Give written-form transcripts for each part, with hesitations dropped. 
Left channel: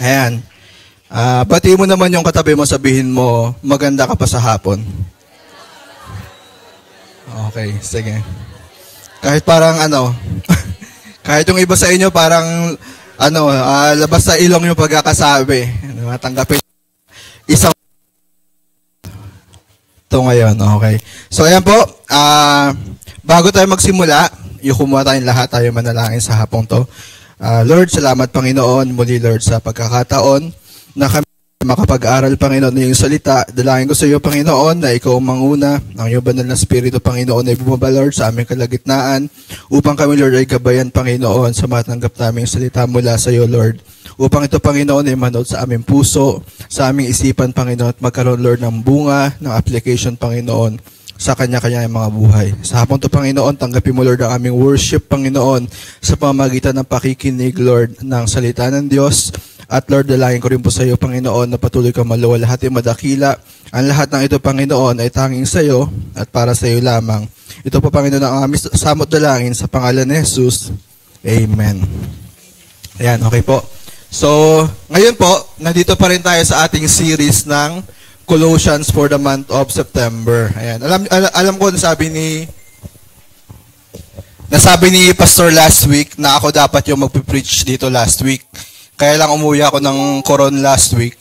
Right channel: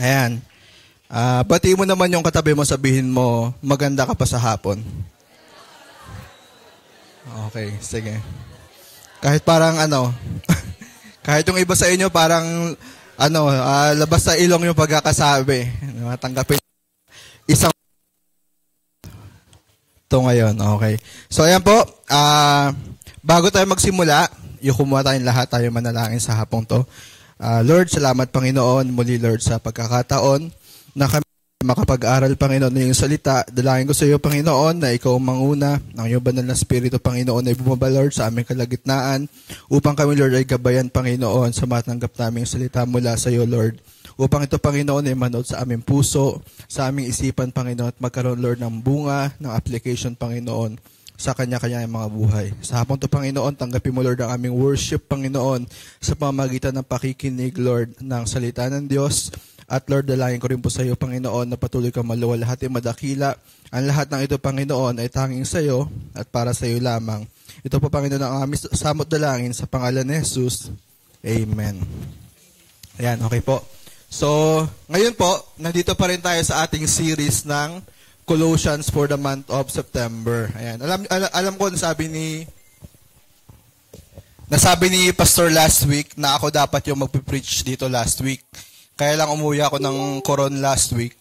Ayan. Bati mo naman yung katabi mo, sabihin mo, maganda ka pa sa hapon. Okay, sige. Kahit parang kahit yung iba sa inyo parang labas sa ilong yung pagkakasabi. Tanggapin isang ito ngayon, okay. So ayan po, bago tayo magsimula, yung kumuha tayong lahat, tayo manalangin sa hapong to. Lord, salamat Panginoon, muli Lord sa pagkakataon na kami makapag-aral Panginoon ng iyong salita. Dalangin ko sa iyo Panginoon na ikaw ang manguna, ng iyong banal na Espiritu Panginoon ay bumaba Lord sa aming kalagitnaan upang kami Lord ay gabayan Panginoon sa matanggap naming salita mula sa iyo Lord. Upang ito Panginoon ay manood sa aming puso, sa aming isipan Panginoon at magkaroon Lord ng bunga, ng application Panginoon sa kanya-kanya mga buhay. Sa hapon to Panginoon, tanggapin mo Lord ang aming worship Panginoon sa pamamagitan ng pakikinig Lord ng salita ng Diyos. At Lord, dalangin ko rin po sa iyo Panginoon na patuloy kang maluwalhati madakila. Ang lahat ng ito Panginoon ay tanging sa iyo at para sa iyo lamang. Ito po Panginoon ang aming samot dalangin sa pangalan ni Jesus. Amen. Ayan, okay po. So, ngayon po, nandito pa rin tayo sa ating series ng Colossians for the month of September. Ayan. Alam ko nasabi ni Pastor last week na ako dapat yung magpipreach dito last week. Kaya lang umuwi ako ng Coron last week.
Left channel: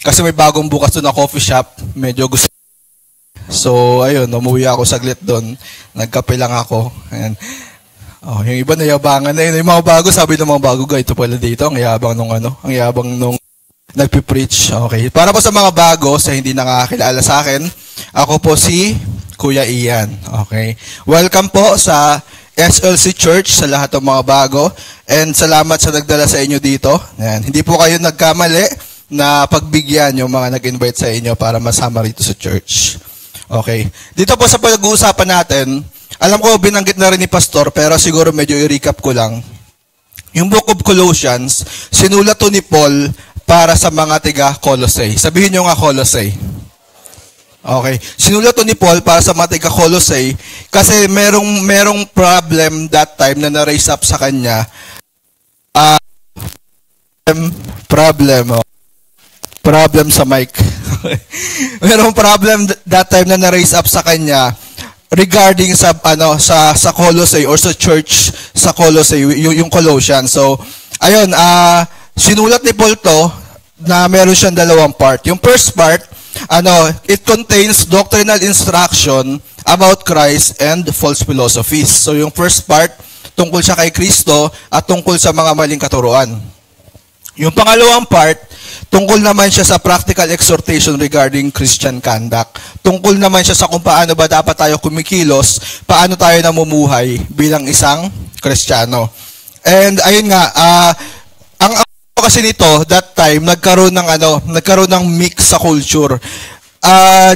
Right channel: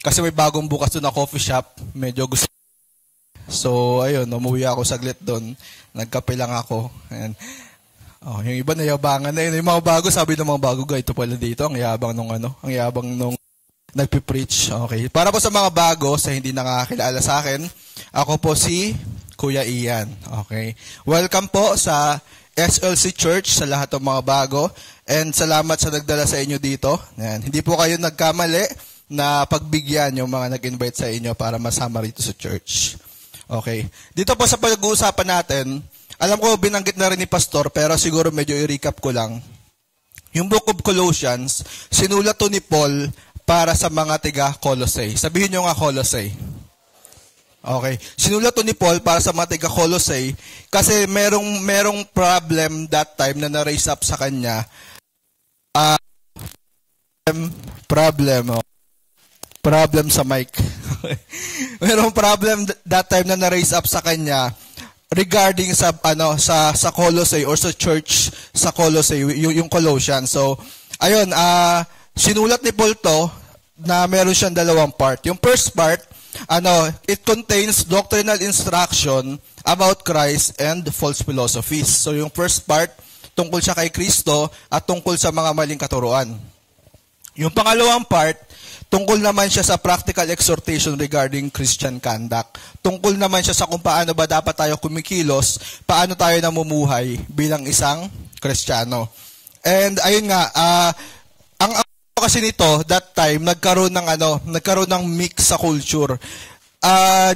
Kasi may bagong bukas doon na coffee shop. Medyo gusto. So, ayun, umuwi ako saglit doon. Nagkape lang ako. Ayan. Oh, yung iba nayabangan na yun. Yung mga bago, sabi ng mga bago, ito pala dito. Ang yabang nung nagpipreach. Okay. Para po sa mga bago, sa hindi nakakilala sa akin, ako po si Kuya Ian. Okay. Welcome po sa SLC Church sa lahat ng mga bago. And salamat sa nagdala sa inyo dito. Ayan. Hindi po kayo nagkamali na pagbigyan yung mga nag-invite sa inyo para masama rito sa church. Okay. Dito po sa pag-uusapan natin, alam ko binanggit na rin ni Pastor, pero siguro medyo i-recap ko lang. Yung Book of Colossians, sinulat to ni Paul para sa mga tiga Colossae. Sabihin nyo nga Colossae. Okay. Sinulat to ni Paul para sa mga tiga Colossae kasi merong problem that time na na-raise up sa kanya. Problem sa mic. Merong problem that time na na-raise up sa kanya regarding sa Colossae or sa church sa Colossae, yung Colossians. So, ayun, sinulat ni Paul to na meron siyang dalawang part. Yung first part, it contains doctrinal instruction about Christ and false philosophies. So, yung first part, tungkol siya kay Kristo at tungkol sa mga maling katuruan. Yung pangalawang part, tungkol naman siya sa practical exhortation regarding Christian conduct. Tungkol naman siya sa kung paano ba dapat tayo kumikilos, paano tayo namumuhay bilang isang Kristiyano. And ayun nga, ang kasi nito, that time, nagkaroon ng mix sa culture.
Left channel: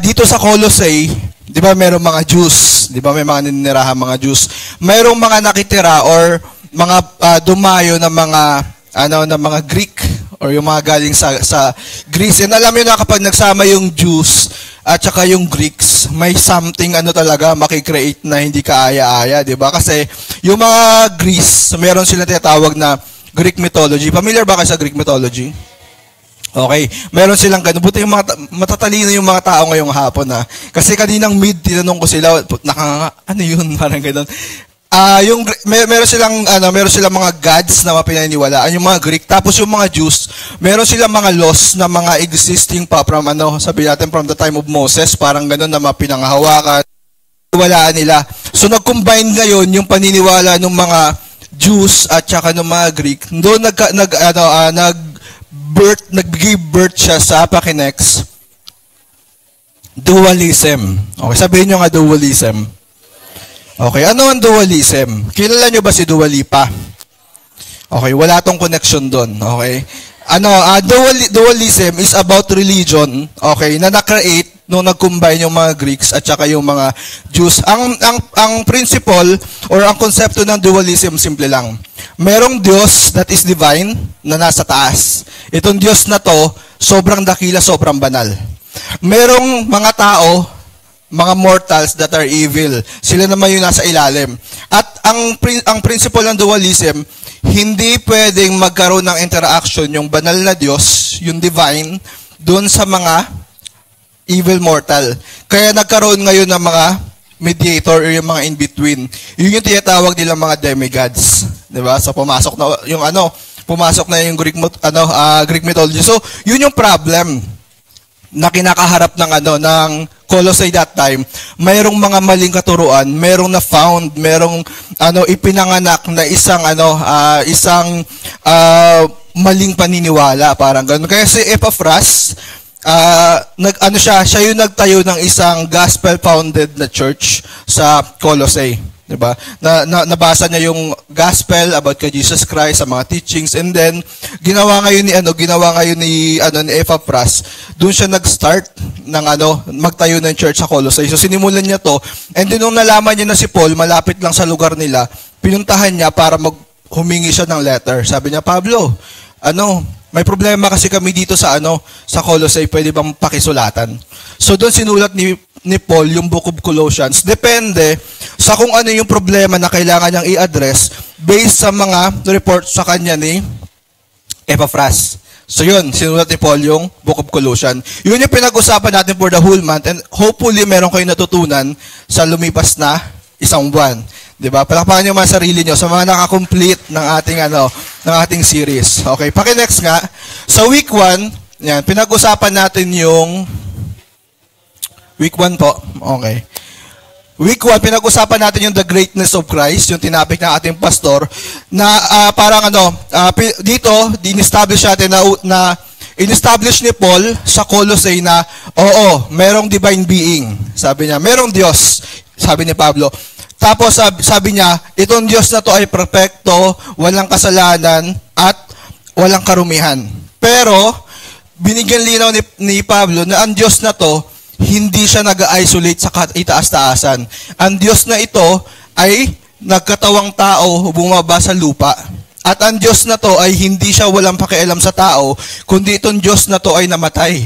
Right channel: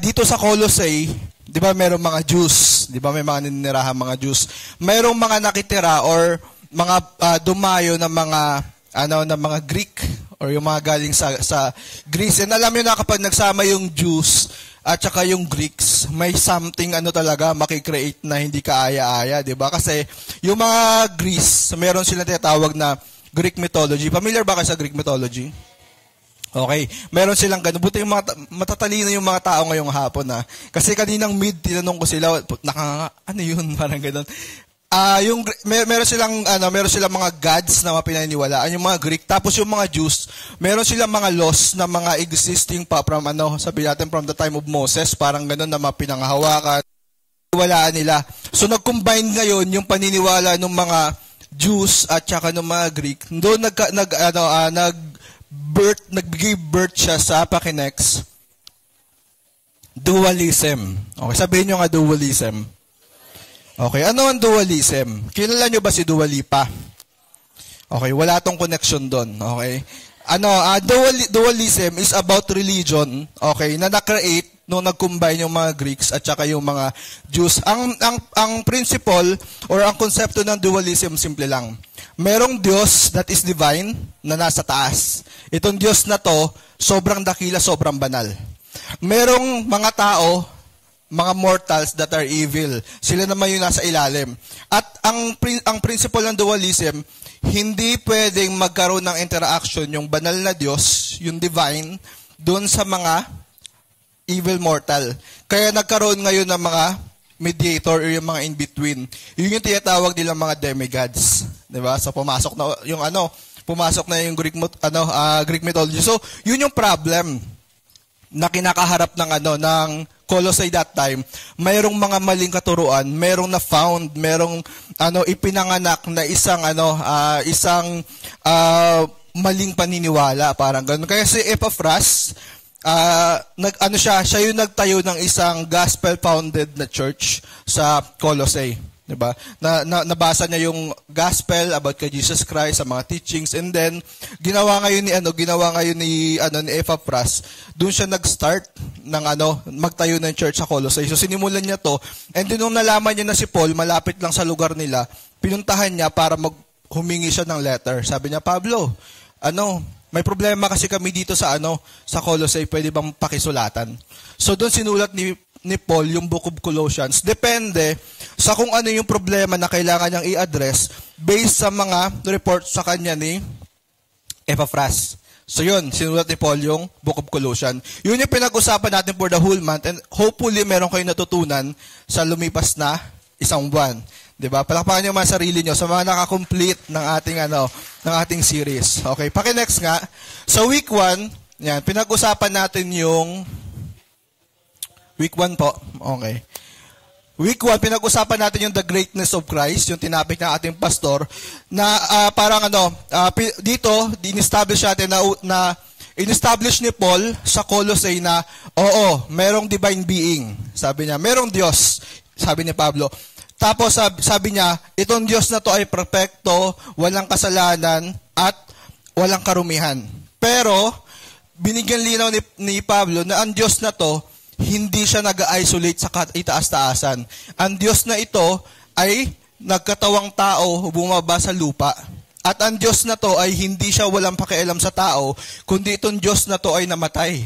Dito sa Colossae, di ba merong mga Jews, di ba may mga ninirahan mga Jews, merong mga nakitira or mga dumayo na mga Greek or yung mga galing sa Greece. And alam niyo na kapag nagsama yung Jews at saka yung Greeks, may something talaga makikreate na hindi kaaya-aya, di ba? Kasi yung mga Greece, meron silang tinatawag na Greek mythology. Familiar ba kayo sa Greek mythology? Okay. Meron silang ganun. Buti yung matatalino yung mga tao ngayong hapon Kasi kaninang tinanong ko sila, ano yun? Parang ganun. Meron silang mga gods na mapinaniniwalaan, yung mga Greek. Tapos yung mga Jews, meron silang mga laws na mga existing pa from sabi natin from the time of Moses, parang ganun na mapinanghahawakan, walaan nila. So nag-combine ngayon yung paniniwala ng mga Jews at saka ng mga Greek. Doon nag-give birth siya sa Pakinex dualism. Okay, sabihin nyo nga dualism. Okay, ano ang dualism? Kilala nyo ba si Dua Lipa? Okay, wala tong connection doon. Okay? Dualism is about religion, okay, na na-create nung nag-combine yung mga Greeks at saka yung mga Jews. Ang principle or ang konsepto ng dualism simple lang. Merong Diyos that is divine na nasa taas. Itong Diyos na to, sobrang dakila, sobrang banal. Merong mga tao, mga mortals that are evil. Sila naman yung nasa ilalim. At ang principle ng dualism, hindi pwedeng magkaroon ng interaction yung banal na Diyos, yung divine, doon sa mga evil mortal. Kaya nagkaroon ngayon ng mga mediator or yung mga in-between. Yun yung tinatawag nilang mga demigods. Diba? So pumasok na yung Greek mythology. So yun yung problem na kinakaharap ng Colossae that time. Mayroong mga maling katuruan, mayroong na found, mayroong ipinanganak na isang maling paniniwala, parang ganun. Kaya si Epaphras, siya yung nagtayo ng isang gospel-founded na church sa Colossae. Diba? Nabasa niya yung gospel about kay Jesus Christ, sa mga teachings, and then ginawa ngayon ni Epaphras, doon siya nag-start ng magtayo ng church sa Colossae. So sinimulan niya to, and then nung nalaman niya na si Paul malapit lang sa lugar nila, pinuntahan niya para humingi siya ng letter. Sabi niya, Pablo, may problema kasi kami dito sa Colossae, pwede bang pakisulatan? So doon sinulat ni Paul yung Book of Colossians. Depende sa kung ano yung problema na kailangan niyang i-address based sa mga report sa kanya ni Epaphras. So yun, sinulat ni Paul yung Book of Colossians. Yun yung pinag-usapan natin for the whole month, and hopefully meron kayong natutunan sa lumipas na isang buwan. Diba? Palakpakan niyo mga sarili niyo sa mga nakakomplete ng ating series. Okay, paki-next nga. Sa week 1, yan, pinag-usapan natin yung week 1 po. Okay. Week 1, pinag-usapan natin yung the greatness of Christ, yung tinapik ng ating pastor, na dito, in-establish natin na in-establish ni Paul sa Colossae na, oo, merong divine being. Sabi niya, merong Diyos, sabi ni Pablo. Tapos sabi niya, itong Diyos na to ay perfecto, walang kasalanan, at walang karumihan. Pero, binigyan linaw ni Pablo na ang Diyos na to, hindi siya nag-isolate sa itaas-taasan. Ang Diyos na ito ay nagkatawang tao, bumaba sa lupa. At ang Diyos na to ay hindi siya walang pakialam sa tao, kundi itong Diyos na to ay namatay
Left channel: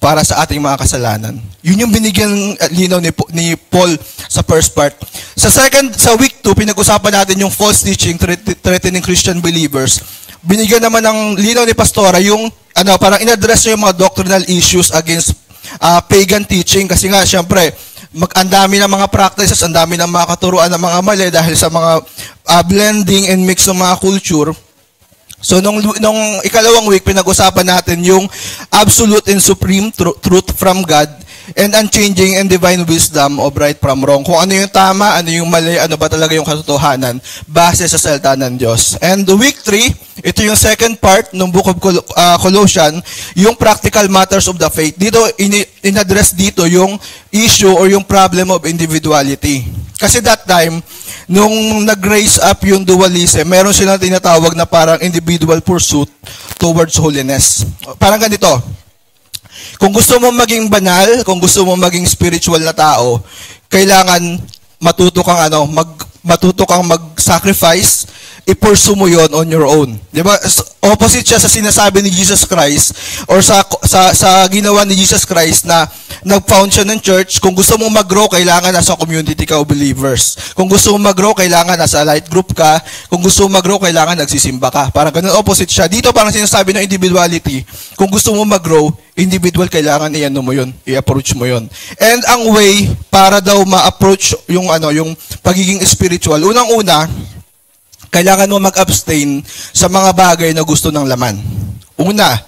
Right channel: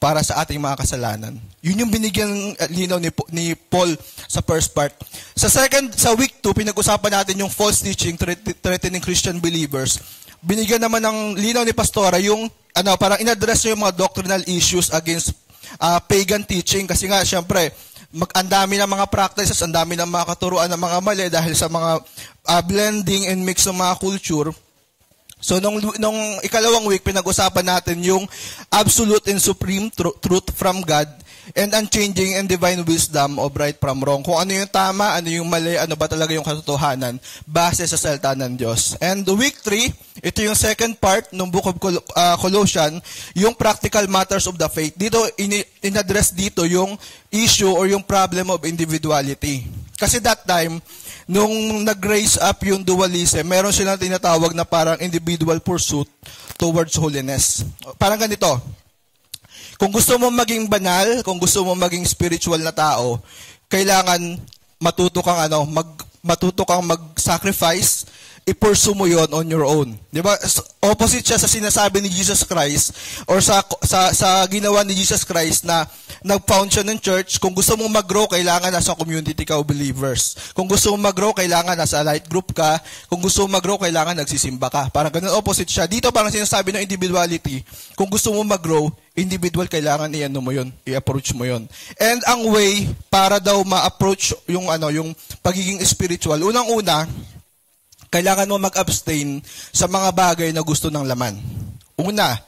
para sa ating mga kasalanan. Yun yung binigyan linaw ni Paul sa first part. Sa week 2, pinag-usapan natin yung false teaching threatening Christian believers. Binigyan naman ng linaw ni Pastora yung parang in-address niya yung mga doctrinal issues against pagan teaching, kasi nga syempre ang dami ng mga practices, ang dami ng mga katuruan ng mga mali dahil sa mga blending and mix ng mga culture. So nung ikalawang week, pinag-usapan natin yung absolute and supreme truth from God and unchanging and divine wisdom of right from wrong. Kung ano yung tama, ano yung mali, ano ba talaga yung katotohanan base sa salita ng Diyos. And week 3, ito yung second part ng Book of Colossians, yung practical matters of the faith. Dito, in-address dito yung issue or yung problem of individuality. Kasi that time, nung nag-raise up yung dualism, meron silang tinatawag na parang individual pursuit towards holiness. Parang ganito, kung gusto mo maging banal, kung gusto mo maging spiritual na tao, kailangan matuto kang mag-sacrifice, i-pursue mo yon on your own. Di ba? Opposite siya sa sinasabi ni Jesus Christ or sa ginawa ni Jesus Christ na nag-found siya ng church. Kung gusto mong mag-grow, kailangan nasa community ka o believers. Kung gusto mong mag-grow, kailangan nasa light group ka. Kung gusto mong mag-grow, kailangan nagsisimba ka. Parang ganun, opposite siya. Dito parang sinasabi ng individuality. Kung gusto mong mag-grow, individual, kailangan i-approach mo yun. And ang way para daw ma-approach yung pagiging spiritual, unang-una, kailangan mo mag-abstain sa mga bagay na gusto ng laman. Una,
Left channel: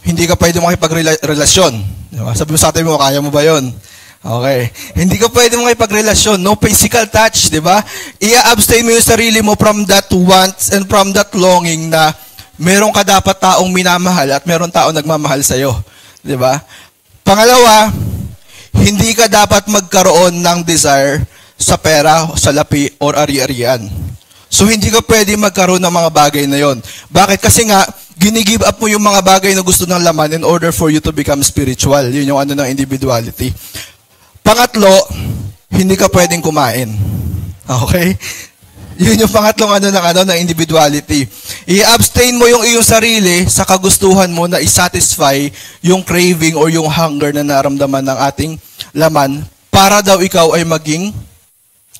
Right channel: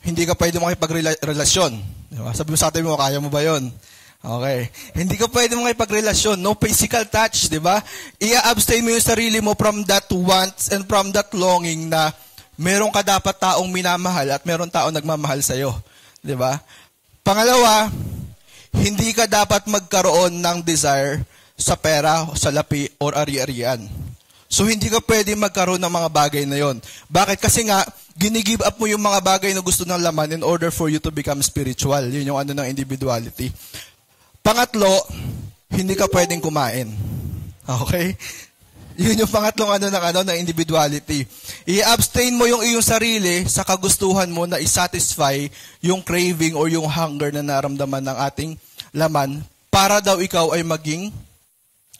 hindi ka pwede makipagrelasyon. Sabi mo sa atin mo, kaya mo ba yun? Okay. Hindi ka pwede makipagrelasyon. No physical touch, di ba? I-abstain mo yung sarili mo from that wants and from that longing na meron ka dapat taong minamahal at meron taong nagmamahal sa'yo. Di ba? Pangalawa, hindi ka dapat magkaroon ng desire sa pera, sa lapi, or ari-arian. So, hindi ka pwede magkaroon ng mga bagay na yon. Bakit? Kasi nga, ginigive up mo yung mga bagay na gusto ng laman in order for you to become spiritual. Yun yung ng individuality. Pangatlo, hindi ka pwedeng kumain. Okay? Yun yung pangatlong ng individuality. I-abstain mo yung iyong sarili sa kagustuhan mo na i-satisfy yung craving or yung hunger na naramdaman ng ating laman para daw ikaw ay maging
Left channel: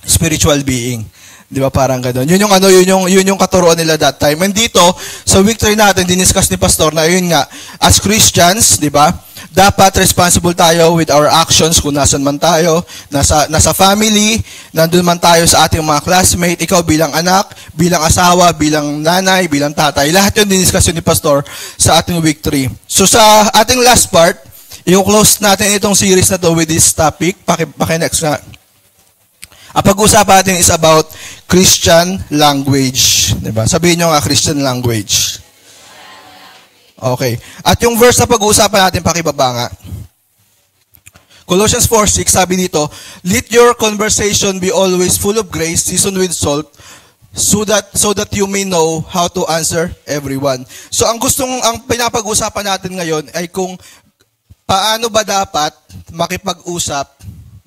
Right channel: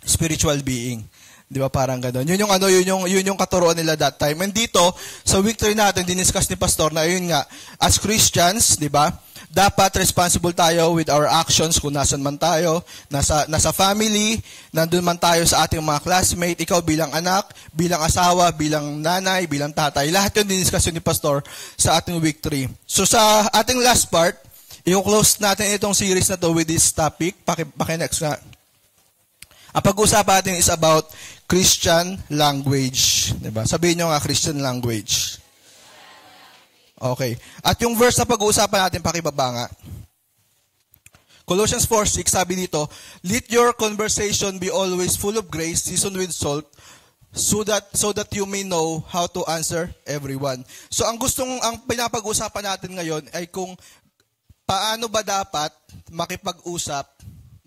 spiritual being. Di ba parang gano'n? Yun yung katuruan nila that time. And dito, sa week 3 natin, diniscuss ni Pastor na yun nga, as Christians, di ba, dapat responsible tayo with our actions kung nasan man tayo, nasa family, nandun man tayo sa ating mga classmate, ikaw bilang anak, bilang asawa, bilang nanay, bilang tatay. Lahat yun diniscuss ni Pastor sa ating week 3. So sa ating last part, yung close natin itong series na to with this topic, paki-next nga. Ang pag-uusapan natin is about Christian language. Diba? Sabihin nyo nga, Christian language. Okay. At yung verse na pag-uusapan natin, pakibaba nga. Colossians 4:6, sabi dito, let your conversation be always full of grace, seasoned with salt, so that you may know how to answer everyone. So ang pinapag-uusapan natin ngayon ay kung paano ba dapat makipag-usap,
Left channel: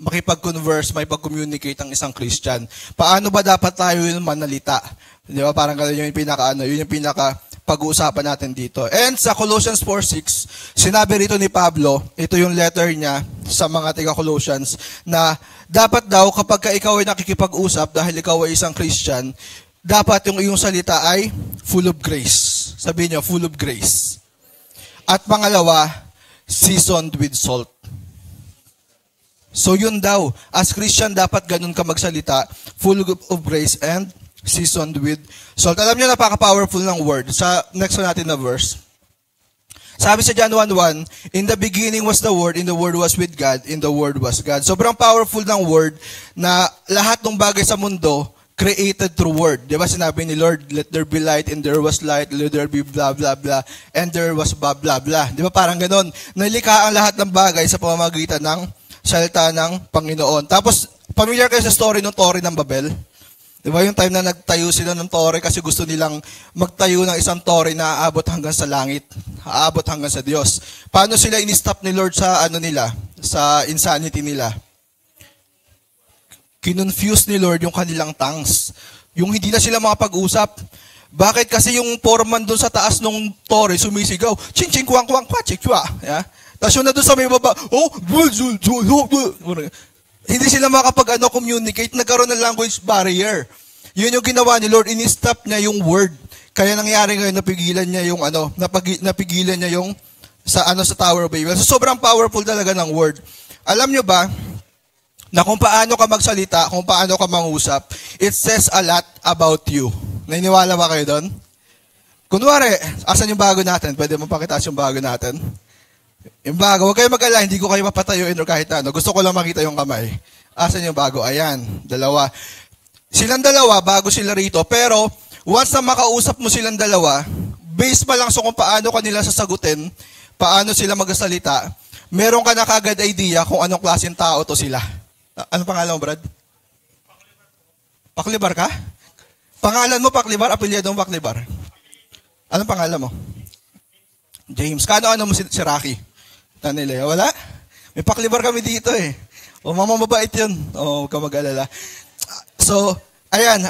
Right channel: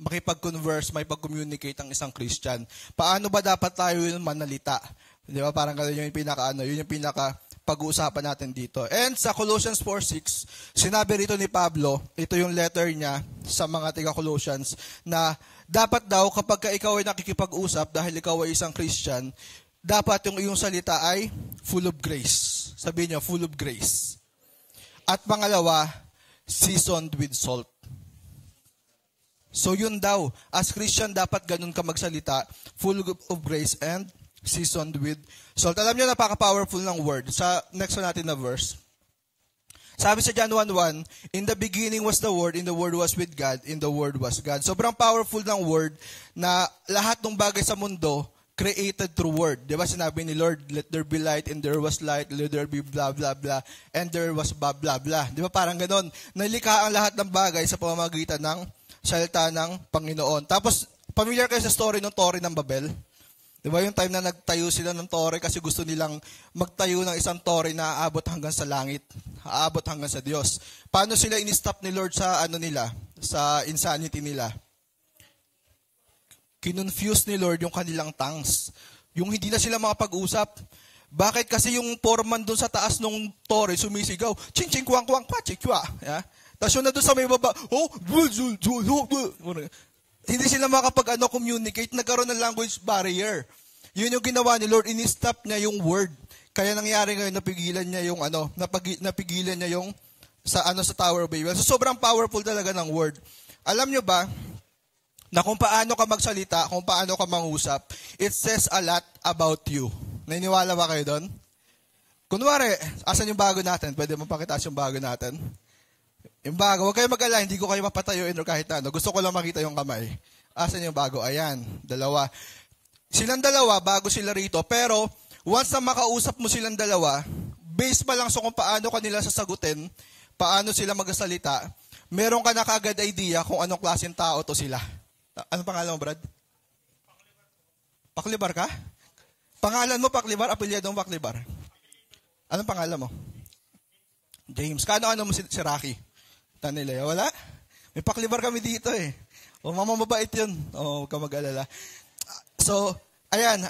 makipag-converse, makipag-communicate ang isang Christian? Paano ba dapat tayo yung manalita? Di ba? Parang yun yung pinaka-pag-uusapan natin dito. And sa Colossians 4:6, sinabi rito ni Pablo, ito yung letter niya sa mga taga-Colossians, na dapat daw kapag ikaw ay nakikipag-usap dahil ikaw ay isang Christian, dapat yung iyong salita ay full of grace. Sabihin niyo, full of grace. At pangalawa, seasoned with salt. So yun daw, as Christian, dapat ganun ka magsalita, full of grace and seasoned with salt. Alam niyo, napaka-powerful ng word. Sa next natin na verse, sabi sa John 1:1, in the beginning was the Word, and the Word was with God, and the Word was God. Sobrang powerful ng word na lahat ng bagay sa mundo created through word. Di ba sinabi ni Lord, let there be light, and there was light, let there be blah, blah, blah, and there was blah, blah, blah. Di ba parang ganon? Nalikha ang lahat ng bagay sa pamamagitan ng salita ng Panginoon. Tapos, familiar kayo sa story ng Torre ng Babel? Di ba yung time na nagtayo sila ng Torre kasi gusto nilang magtayo ng isang Torre na aabot hanggang sa langit, aabot hanggang sa Diyos. Paano sila in-stop ni Lord sa sa insanity nila? Kinonfuse ni Lord yung kanilang tongues. Yung hindi na sila makapag-usap. Bakit? Kasi yung foreman doon sa taas ng Torre sumisigaw, ching ching kwang kwang kwa chikwa. Yeah? Tapos yun na doon sa may baba, hindi sila makapag-communicate, nagkaroon ng language barrier. Yun yung ginawa ni Lord, in-stop niya yung word. Kaya nangyari ngayon, napigilan niya yung sa Tower of Babel. So, sobrang powerful talaga ng word. Alam nyo ba, na kung paano ka magsalita, kung paano ka mangusap, it says a lot about you. Naniniwala ba kayo doon? Kunwari, asan yung bago natin? Pwede mo pakitaas yung bago natin? Yung bago, huwag kayo mag-alala, hindi ko kayo mapatayuin o kahit ano. Gusto ko lang makita yung kamay. Asan yung bago? Ayan, dalawa. Silang dalawa, bago sila rito. Pero, once na makausap mo silang dalawa, based pa lang sa kung paano kanila sasagutin, paano sila magsalita, meron ka na kagad idea kung anong klaseng tao to sila. Anong pangalan mo, Brad? Paklibar ka? Pangalan mo, Paklibar? Apelyado mo, Paklibar? Anong pangalan mo? James. Ano mo si Rocky? Tanile, wala? May Paklibar kami dito eh. O, mamamabait yun. O, huwag ka mag-alala. So, ayan,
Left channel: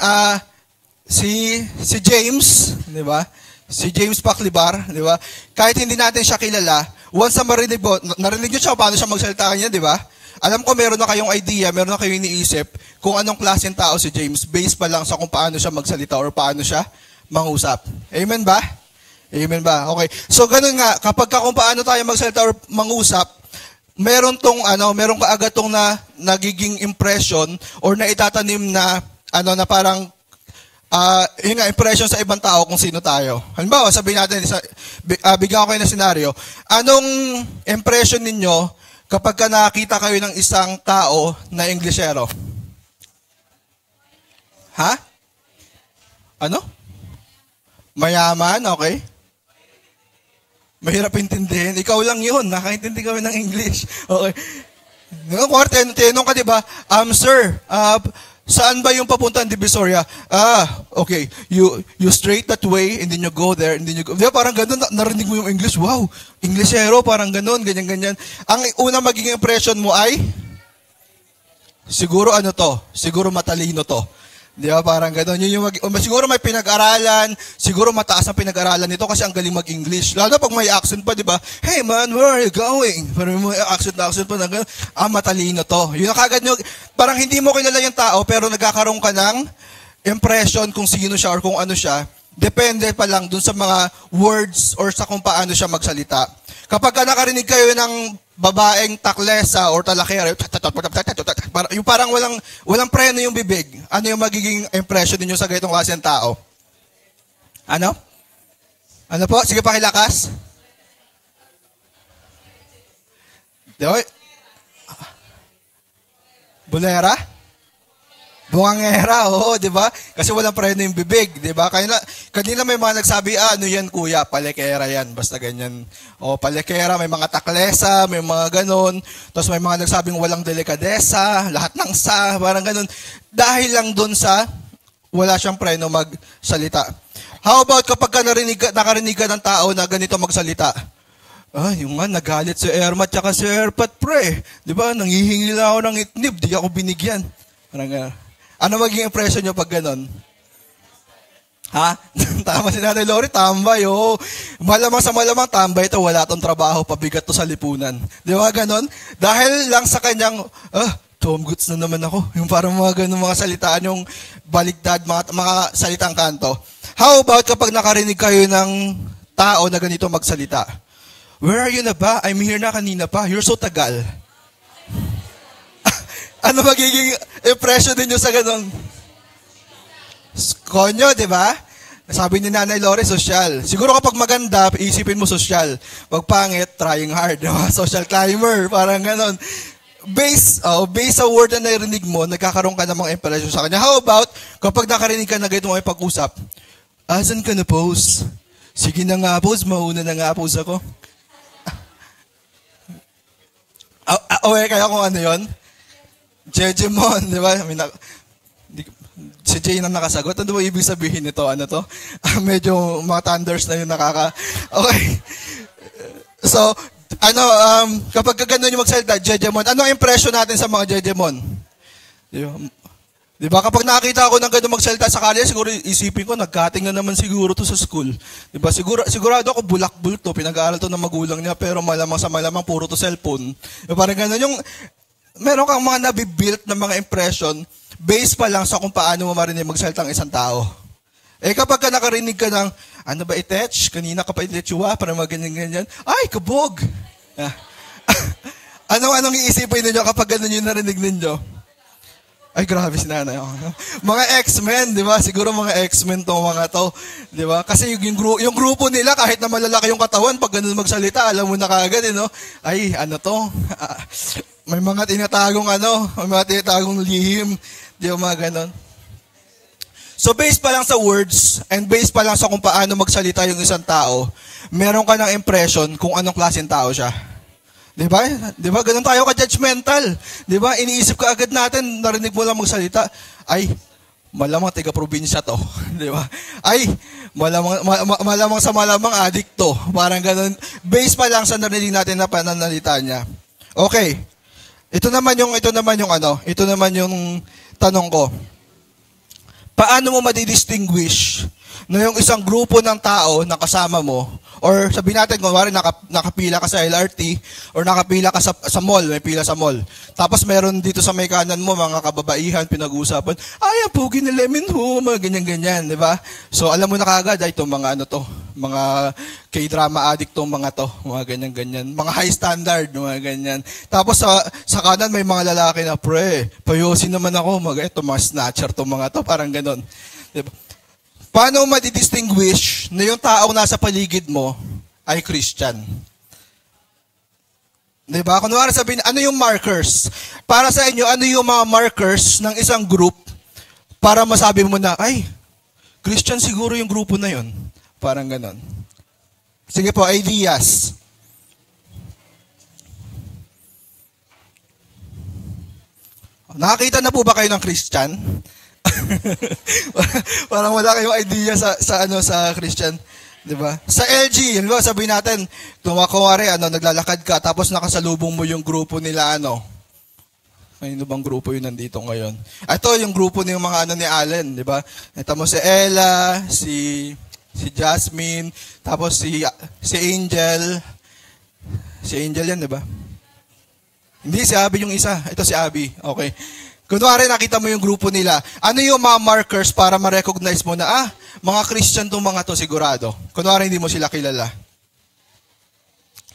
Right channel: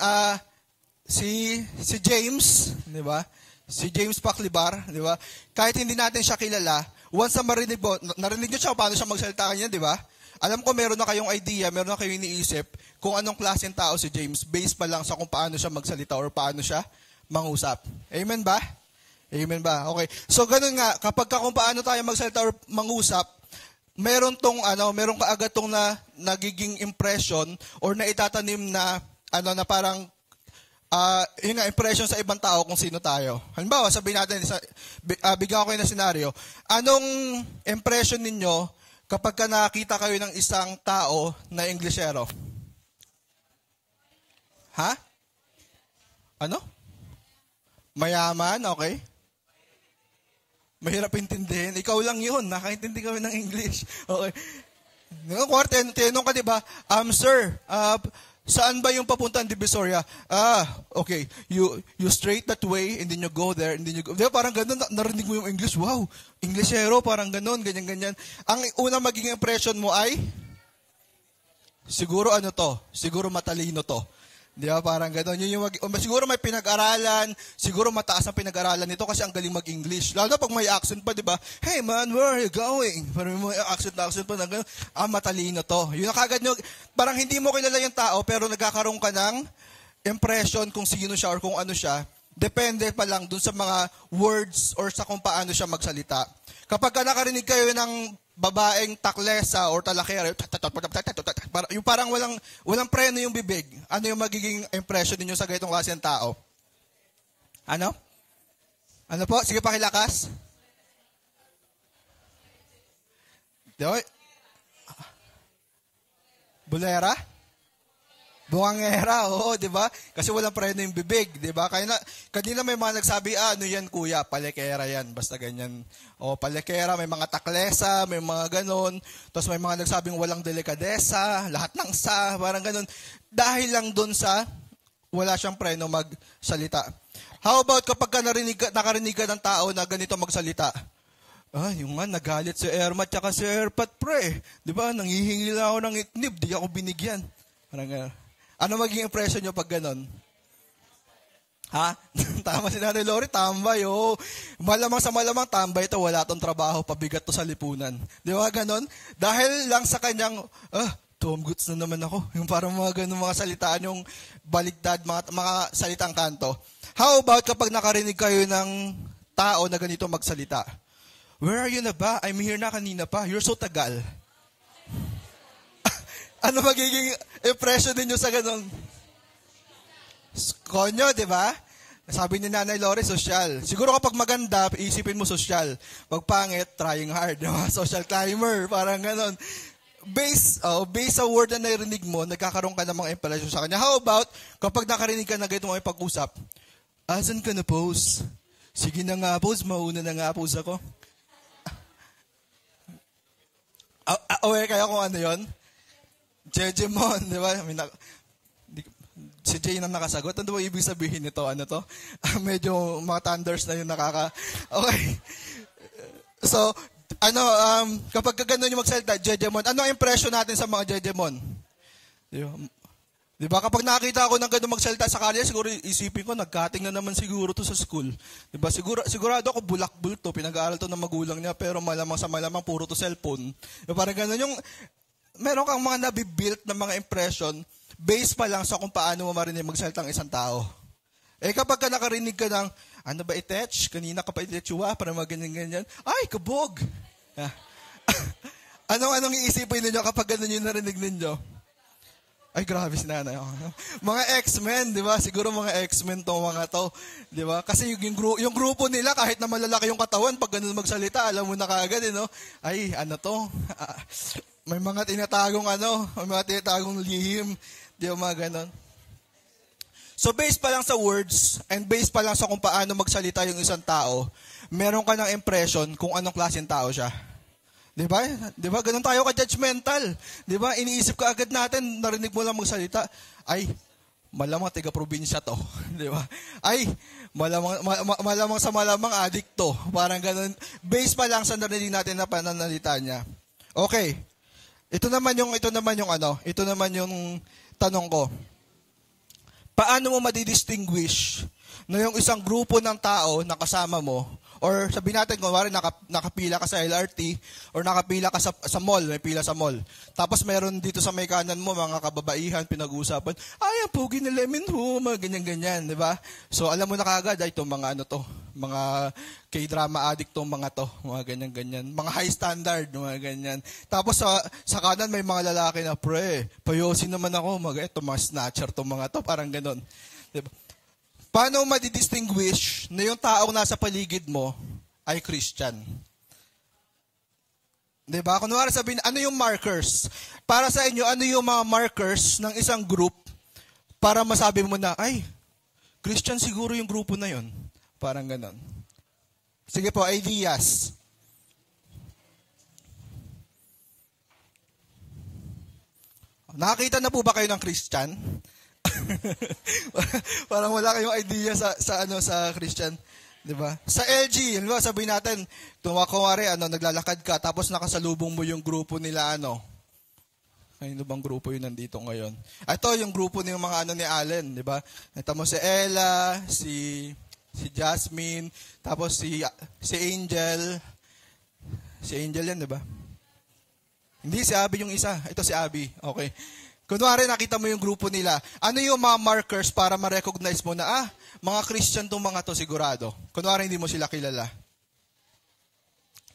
si James, di ba? Si James Paklibar, di ba? Kahit hindi natin siya kilala, once na narinig nyo siya paano siya magsalita niya, di ba? Alam ko meron na kayong idea, meron na kayong iniisip kung anong klaseng tao si James based pa lang sa kung paano siya magsalita or paano siya mangusap. Amen ba? Amen ba? Okay. So ganun nga, kapag kung paano tayo magsalita or mangusap, meron kaagad tong nagiging impression or na itatanim na na parang impression sa ibang tao kung sino tayo. Halimbawa, sabihin natin, bigyan ko kayo ng senaryo. Anong impression ninyo kapag nakakita kayo ng isang tao na Inglesero? Ha? Ano? Mayaman, okay. Mahirap intindihin. Ikaw lang yun, nakaintindi kami ng English. Okay. Tinanong ka, diba? Sir, saan ba yung papuntang Divisoria? Okay. You straight that way, and then you go there, and then you go. Diba, parang ganun, narinig mo yung English. Wow, Inglesero, parang ganun, ganyan-ganyan. Ang unang magiging impression mo ay, siguro siguro matalino to. Di ba, parang gano'n. Siguro may pinag-aralan, siguro mataas ang pinag-aralan nito kasi ang galing mag-English. Lalo pag may accent pa, di ba? Hey man, where are you going? Pero may accent pa na gano'n. Matalino to. Yun ang kagad nyo, parang hindi mo kilala yung tao, pero nagkakaroon ka ng impression kung sino siya or kung ano siya, depende pa lang dun sa mga words or sa kung paano siya magsalita. Kapag nakarinig kayo ng babaeng taklesa or talakera, yung parang walang preno yung bibig, ano yung magiging impression ninyo sa ganitong klase ng tao? Ano? Ano po? Sige, pakilakas. Bulera? Bungangera, oo, di ba? Kasi walang preno yung bibig, di ba? Kanina may mga nagsabi, ano yan kuya, palekera yan, basta ganyan. O, palekera, may mga taklesa, may mga ganon. Tapos may mga nagsabing walang delikadesa, lahat ng sa, parang ganon. Dahil lang dun sa wala siyang preno magsalita. How about kapag nakarinig ka ng tao na ganito magsalita? Yung nga, nagalit si Erma at si Erpat pre. Di ba? Nanghihingi na ako ng itnib, di ako binigyan. Parang ano magiging impression nyo pag ganon? Ha? Tama si Nanay Lori, tambay, oo. Malamang sa malamang, tambay ito, wala tong trabaho, pabigat to sa lipunan. Di ba ganon? Dahil lang sa kanyang, Tom Goods na naman ako. Yung parang mga ganon mga salitaan, yung baligtad, mga salitang kanto. How about kapag nakarinig kayo ng tao na ganito magsalita? Where are you na ba? I'm here na kanina pa. You're so tagal. Ano magiging impression ninyo sa ganun? Konyo, di ba? Sabi ni Nanay Lori, social. Siguro kapag maganda, isipin mo social. Pag pangit, trying hard. Diba? Social climber, parang ganon. Based sa word na narinig mo, nagkakaroon ka ng mga impression sa kanya. How about, kapag nakarinig ka na ganito mga pag-usap, asan ka na, pose? Sige na nga, pose. Mauna na nga, pose ako. Okay, kaya kung ano yun? Jejemon, di ba? Si Jay na nakasagot. Ano ba ibig sabihin nito? Ano to? Medyo mga thunders na yung Okay. So, kapag gano'n yung magsalita, Jejemon, anong impression natin sa mga Jejemon? Di ba? Kapag nakakita ako ng gano'n magsalita sa kalye, siguro isipin ko, nagkating na naman siguro to sa school. Di ba? Sigurado ako bulak-bulak to, pinag-aaral to ng magulang niya, pero malamang sa malamang puro to cellphone. Diba? Parang gano'n yung meron kang mga nabibuilt na mga impression based pa lang sa kung paano mo marinig magsalita ng isang tao. Kapag nakarinig ka ng, ano ba itech? Kanina ka pa itechua, para ganyan-ganyan. Ay, kabog! Anong iisipin ninyo kapag ganun yung narinig ninyo? Ay, grabe si nanay. Mga X-Men, di ba? Siguro mga X-Men tong mga to. Di ba? Kasi yung grupo nila, kahit na malalaki yung katawan, pag ganun magsalita, alam mo na kagad, no? Ay, ano to? May mga tinatagong lihim. Di ba mga ganun? So, based pa lang sa words, and based pa lang sa kung paano magsalita yung isang tao, meron ka ng impression kung anong klaseng tao siya. Di ba? Di ba? Ganun tayo ka-judgmental. Di ba? Iniisip ka agad natin, narinig mo lang magsalita, ay, malamang taga-probinsya to. Di ba? Ay, malamang sa malamang addict to. Parang ganun. Based pa lang sa narinig natin na pananalita niya. Okay. Ito naman yung tanong ko. Paano mo madidistinguish na yung isang grupo ng tao na kasama mo, or sabihin natin, kunwari nakapila ka sa LRT, or nakapila ka sa mall, may pila sa mall. Tapos meron dito sa may kanan mo, mga kababaihan, pinag-uusapan, ay, ang pugi ni Lemon ho, mga ganyan-ganyan, di ba? So, alam mo na kagad, ay, itong mga mga K-drama addict tong mga to, mga ganyan-ganyan, mga high standard, mga ganyan. Tapos sa kanan, may mga lalaki na, pre, payosin naman ako, mga snatcher tong mga to, parang ganon. Diba? Paano madidistinguish na yung taong nasa paligid mo ay Christian? Diba? Kunwari sabihin, ano yung markers? Para sa inyo, ano yung mga markers ng isang group para masabi mo na, ay, Christian siguro yung grupo na yun. Parang ganon. Sige po, ideas. Nakakita na po ba kayo ng Christian? Parang wala kayong idea sa Christian, 'di ba? Sa LG, di ba, sabihin natin, kunwari naglalakad ka tapos nakasalubong mo yung grupo nila Ano bang grupo yun nandito ngayon? Ito yung grupo ng mga ni Allen, di ba? Ito mo si Ella, si Jasmine, tapos si Angel. Si Angel yan, di ba? Hindi, si Abby yung isa. Ito si Abby. Okay. Kunwari, nakita mo yung grupo nila. Ano yung mga markers para ma-recognize mo na, mga Christian tong mga to sigurado. Kunwari, hindi mo sila kilala.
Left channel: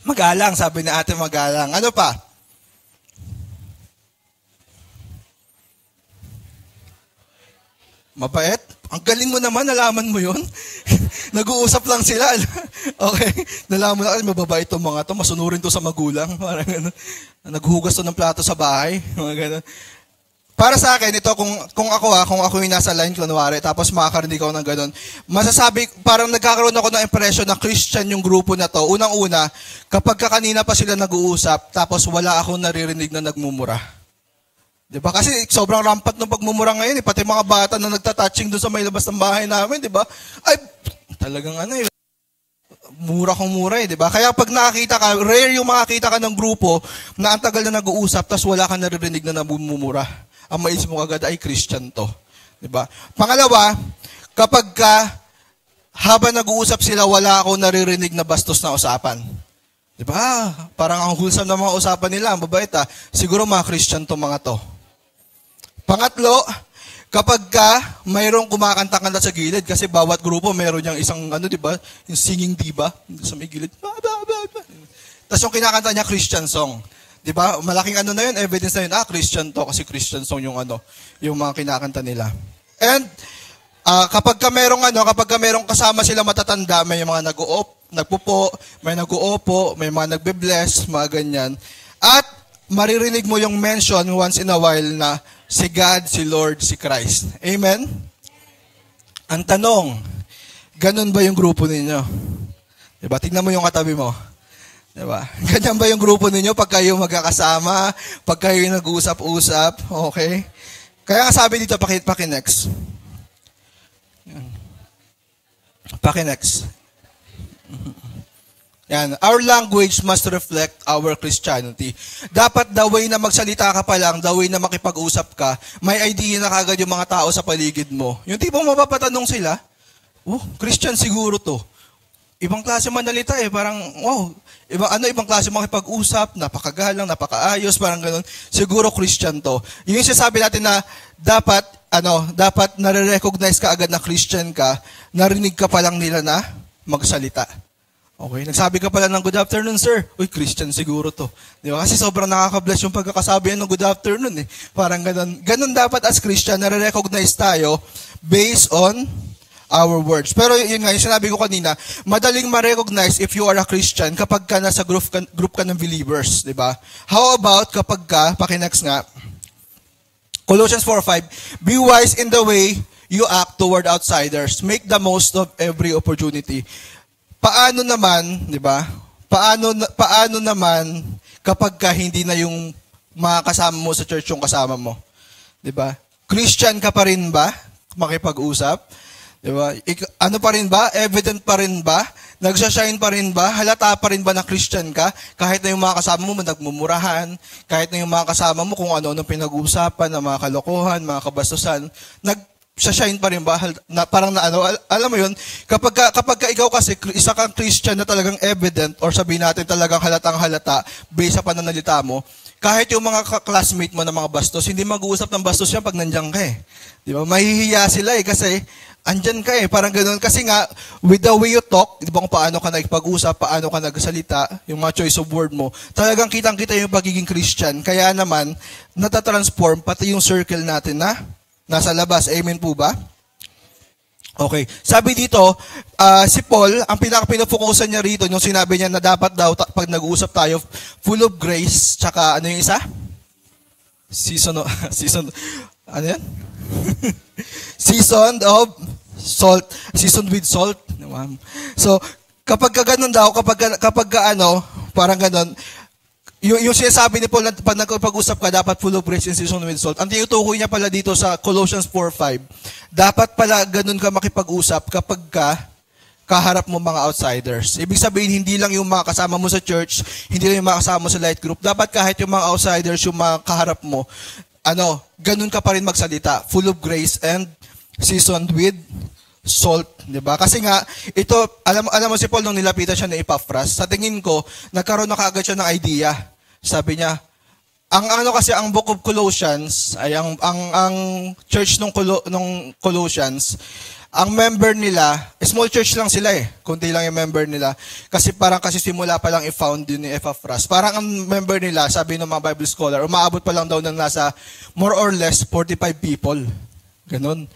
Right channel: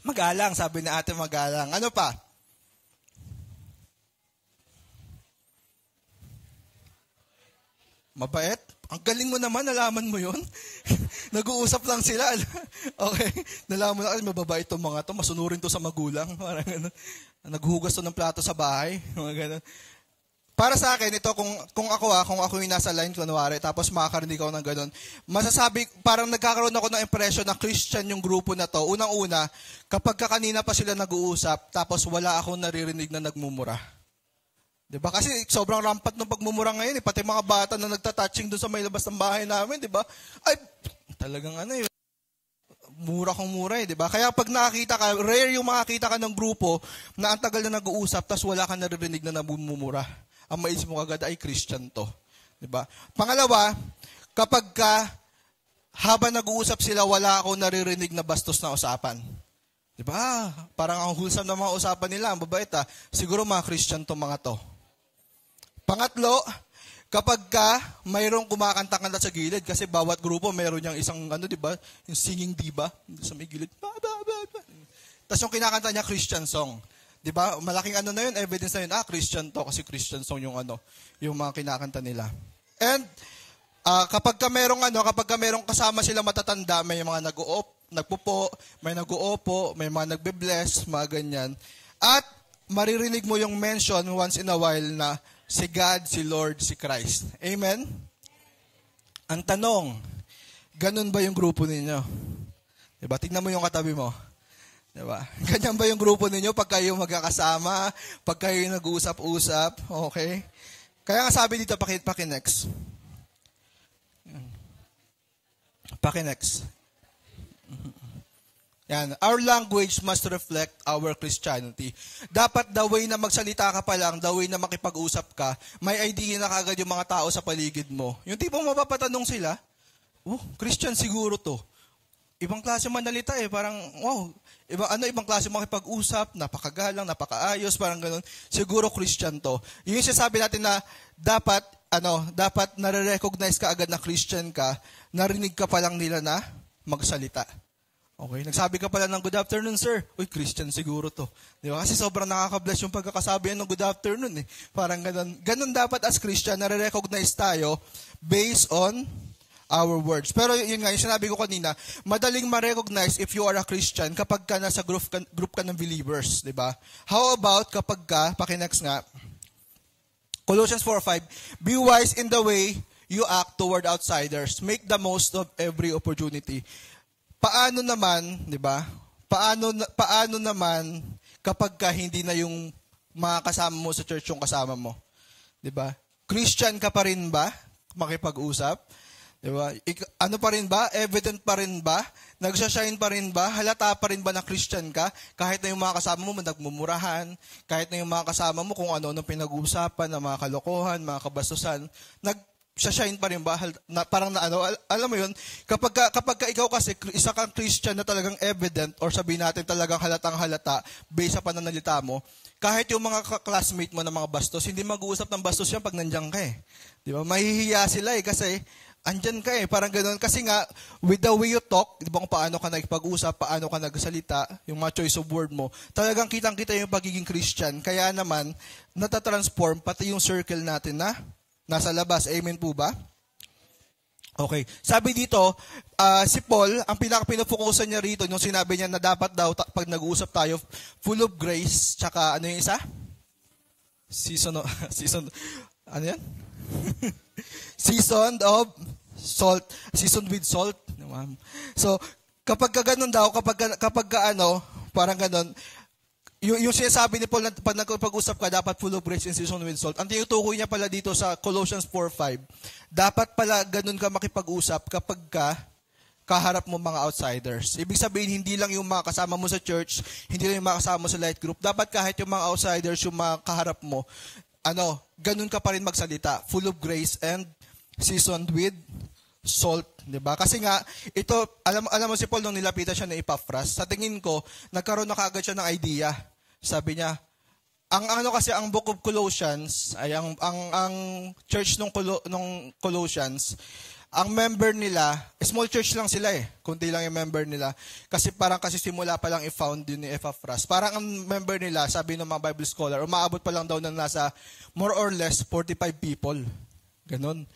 Magalang, sabi ni ate, magalang. Ano pa? Mabait? Ang galing mo naman, nalaman mo yun. Nag-uusap lang sila. Okay? Nalaman na, mababait itong mga to, masunurin to sa magulang. Parang gano'n. Naghuhugas to ng plato sa bahay. Mga gano'n. Para sa akin, ito, kung ako yung nasa line, kunwari, tapos makakarinig ako ng gano'n, masasabi, parang nagkakaroon ako ng impression na Christian yung grupo na to. Unang-una, kapag kanina pa sila nag-uusap, tapos wala akong naririnig na nagmumura. Diba? Kasi sobrang rampant ng pagmumura ngayon, pati mga bata na nagtatouching doon sa may labas ng bahay namin, diba? Ay, talagang mura kong mura diba? Kaya pag nakakita ka, rare yung makakita ka ng grupo na ang tagal na nag-uusap, tapos wala kang naririnig na namumura. Ang maisip mo agad ay Christian to. Diba? Pangalawa, kapag habang nag-uusap sila, wala akong naririnig na bastos na usapan. Diba? Parang ang wholesome na mga usapan nila, ang mabait siguro mga Christian to mga to. Pangatlo, kapag mayroong kumakanta-kanta sa gilid, kasi bawat grupo mayroon niyang isang, diba, yung singing diva, sa may gilid. Tapos yung kinakanta niya, Christian song. Diba? Malaking na yun, evidence na yun, Christian to, kasi Christian song yung yung mga kinakanta nila. And, kapag merong kasama sila matatanda, may mga nagpupo, may nag-uupo, may mga nagbe-bless, mga ganyan. At, maririnig mo yung mention once in a while na si God, si Lord, si Christ. Amen? Ang tanong, ganun ba yung grupo ninyo? Diba? Tingnan mo yung katabi mo. Diba? Ganyan ba yung grupo ninyo pag kayo magkakasama, pag kayo nag-uusap-usap? Okay? Kaya sabi dito, paki-next. Paki-next. Yan. Our language must reflect our Christianity. Dapat the way na magsalita ka pa lang, the way na makipag-usap ka, may idea na kagad yung mga tao sa paligid mo. Yung tipong mapapatanong sila, Christian siguro to. Ibang klase manalita parang, ibang klase makipag-usap, napakagalang, napakaayos, parang ganun. Siguro Christian to. Yung sinasabi natin na dapat nare-recognize ka agad na Christian ka, narinig ka pa lang nila na magsalita. Okay, nagsabi ka pala ng good afternoon, sir. Uy, Christian siguro to. Di ba? Kasi sobrang nakaka-bless yung pagkakasabi ng good afternoon Parang ganun. Ganun dapat as Christian, nare-recognize tayo based on our words. Pero yun nga, yung sinabi ko kanina, madaling ma-recognize if you are a Christian kapag ka nasa group ka ng believers. Di ba? How about kapag paki-next nga, Colossians 4:5, be wise in the way you act toward outsiders. Make the most of every opportunity. Paano naman, di ba? Paano naman kapag hindi na yung mga kasama mo sa church yung kasama mo? Di ba? Christian ka pa rin ba? Makipag-usap? Di ba? Ano pa rin ba? Evident pa rin ba? Nagsashine pa rin ba? Halata pa rin ba na Christian ka? Kahit na yung mga kasama mo nagmumurahan, kahit na yung mga kasama mo kung ano-ano pinag-uusapan, na mga kalokohan, mga kabastusan, shine pa rin ba? Alam mo yun, kapag ikaw kasi, isa kang Christian na talagang evident, or sabihin natin talagang halatang halata, based sa pananalita mo, kahit yung mga classmate mo na mga bastos, hindi mag-uusap ng bastos yan pag nandiyan ka Di ba? Mahihiya sila kasi andyan ka parang ganoon. Kasi nga, with the way you talk, di ba kung paano ka nagpag-usap, paano ka nagsalita, yung mga choice of word mo, talagang kitang-kita yung pagiging Christian. Kaya naman, natatransform pati yung circle natin na nasa labas. Amen po ba? Okay. Sabi dito, si Paul, ang pinaka-pinafokusan niya rito, yung sinabi niya na dapat daw, pag nag-uusap tayo, full of grace, tsaka ano yung isa? Ano yan? Seasoned of salt. Seasoned with salt. So, kapag ganun daw, kapag parang ganun, yung sinasabi ni Paul, pag nagpag-usap ka, dapat full of grace and seasoned with salt. Ang tinutukoy niya pala dito sa Colossians 4:5, dapat pala ganun ka makipag-usap kapag kaharap mo mga outsiders. Ibig sabihin, hindi lang yung mga kasama mo sa church, hindi lang yung mga kasama mo sa light group. Dapat kahit yung mga outsiders, yung mga kaharap mo, ganun ka pa rin magsalita. Full of grace and seasoned with salt. Diba? Kasi nga, ito, alam mo si Paul nung nilapitan siya ni Epaphras, sa tingin ko, nagkaroon na kaagad siya ng idea. Sabi niya, Ang Book of Colossians ay ang church nung Colossians, ang member nila, small church lang sila kundi lang yung member nila. Kasi simula pa lang i-found yun ni Epaphras. Parang ang member nila, sabi ng mga Bible scholar, umaabot pa lang daw ng nasa more or less 45 people. Ganun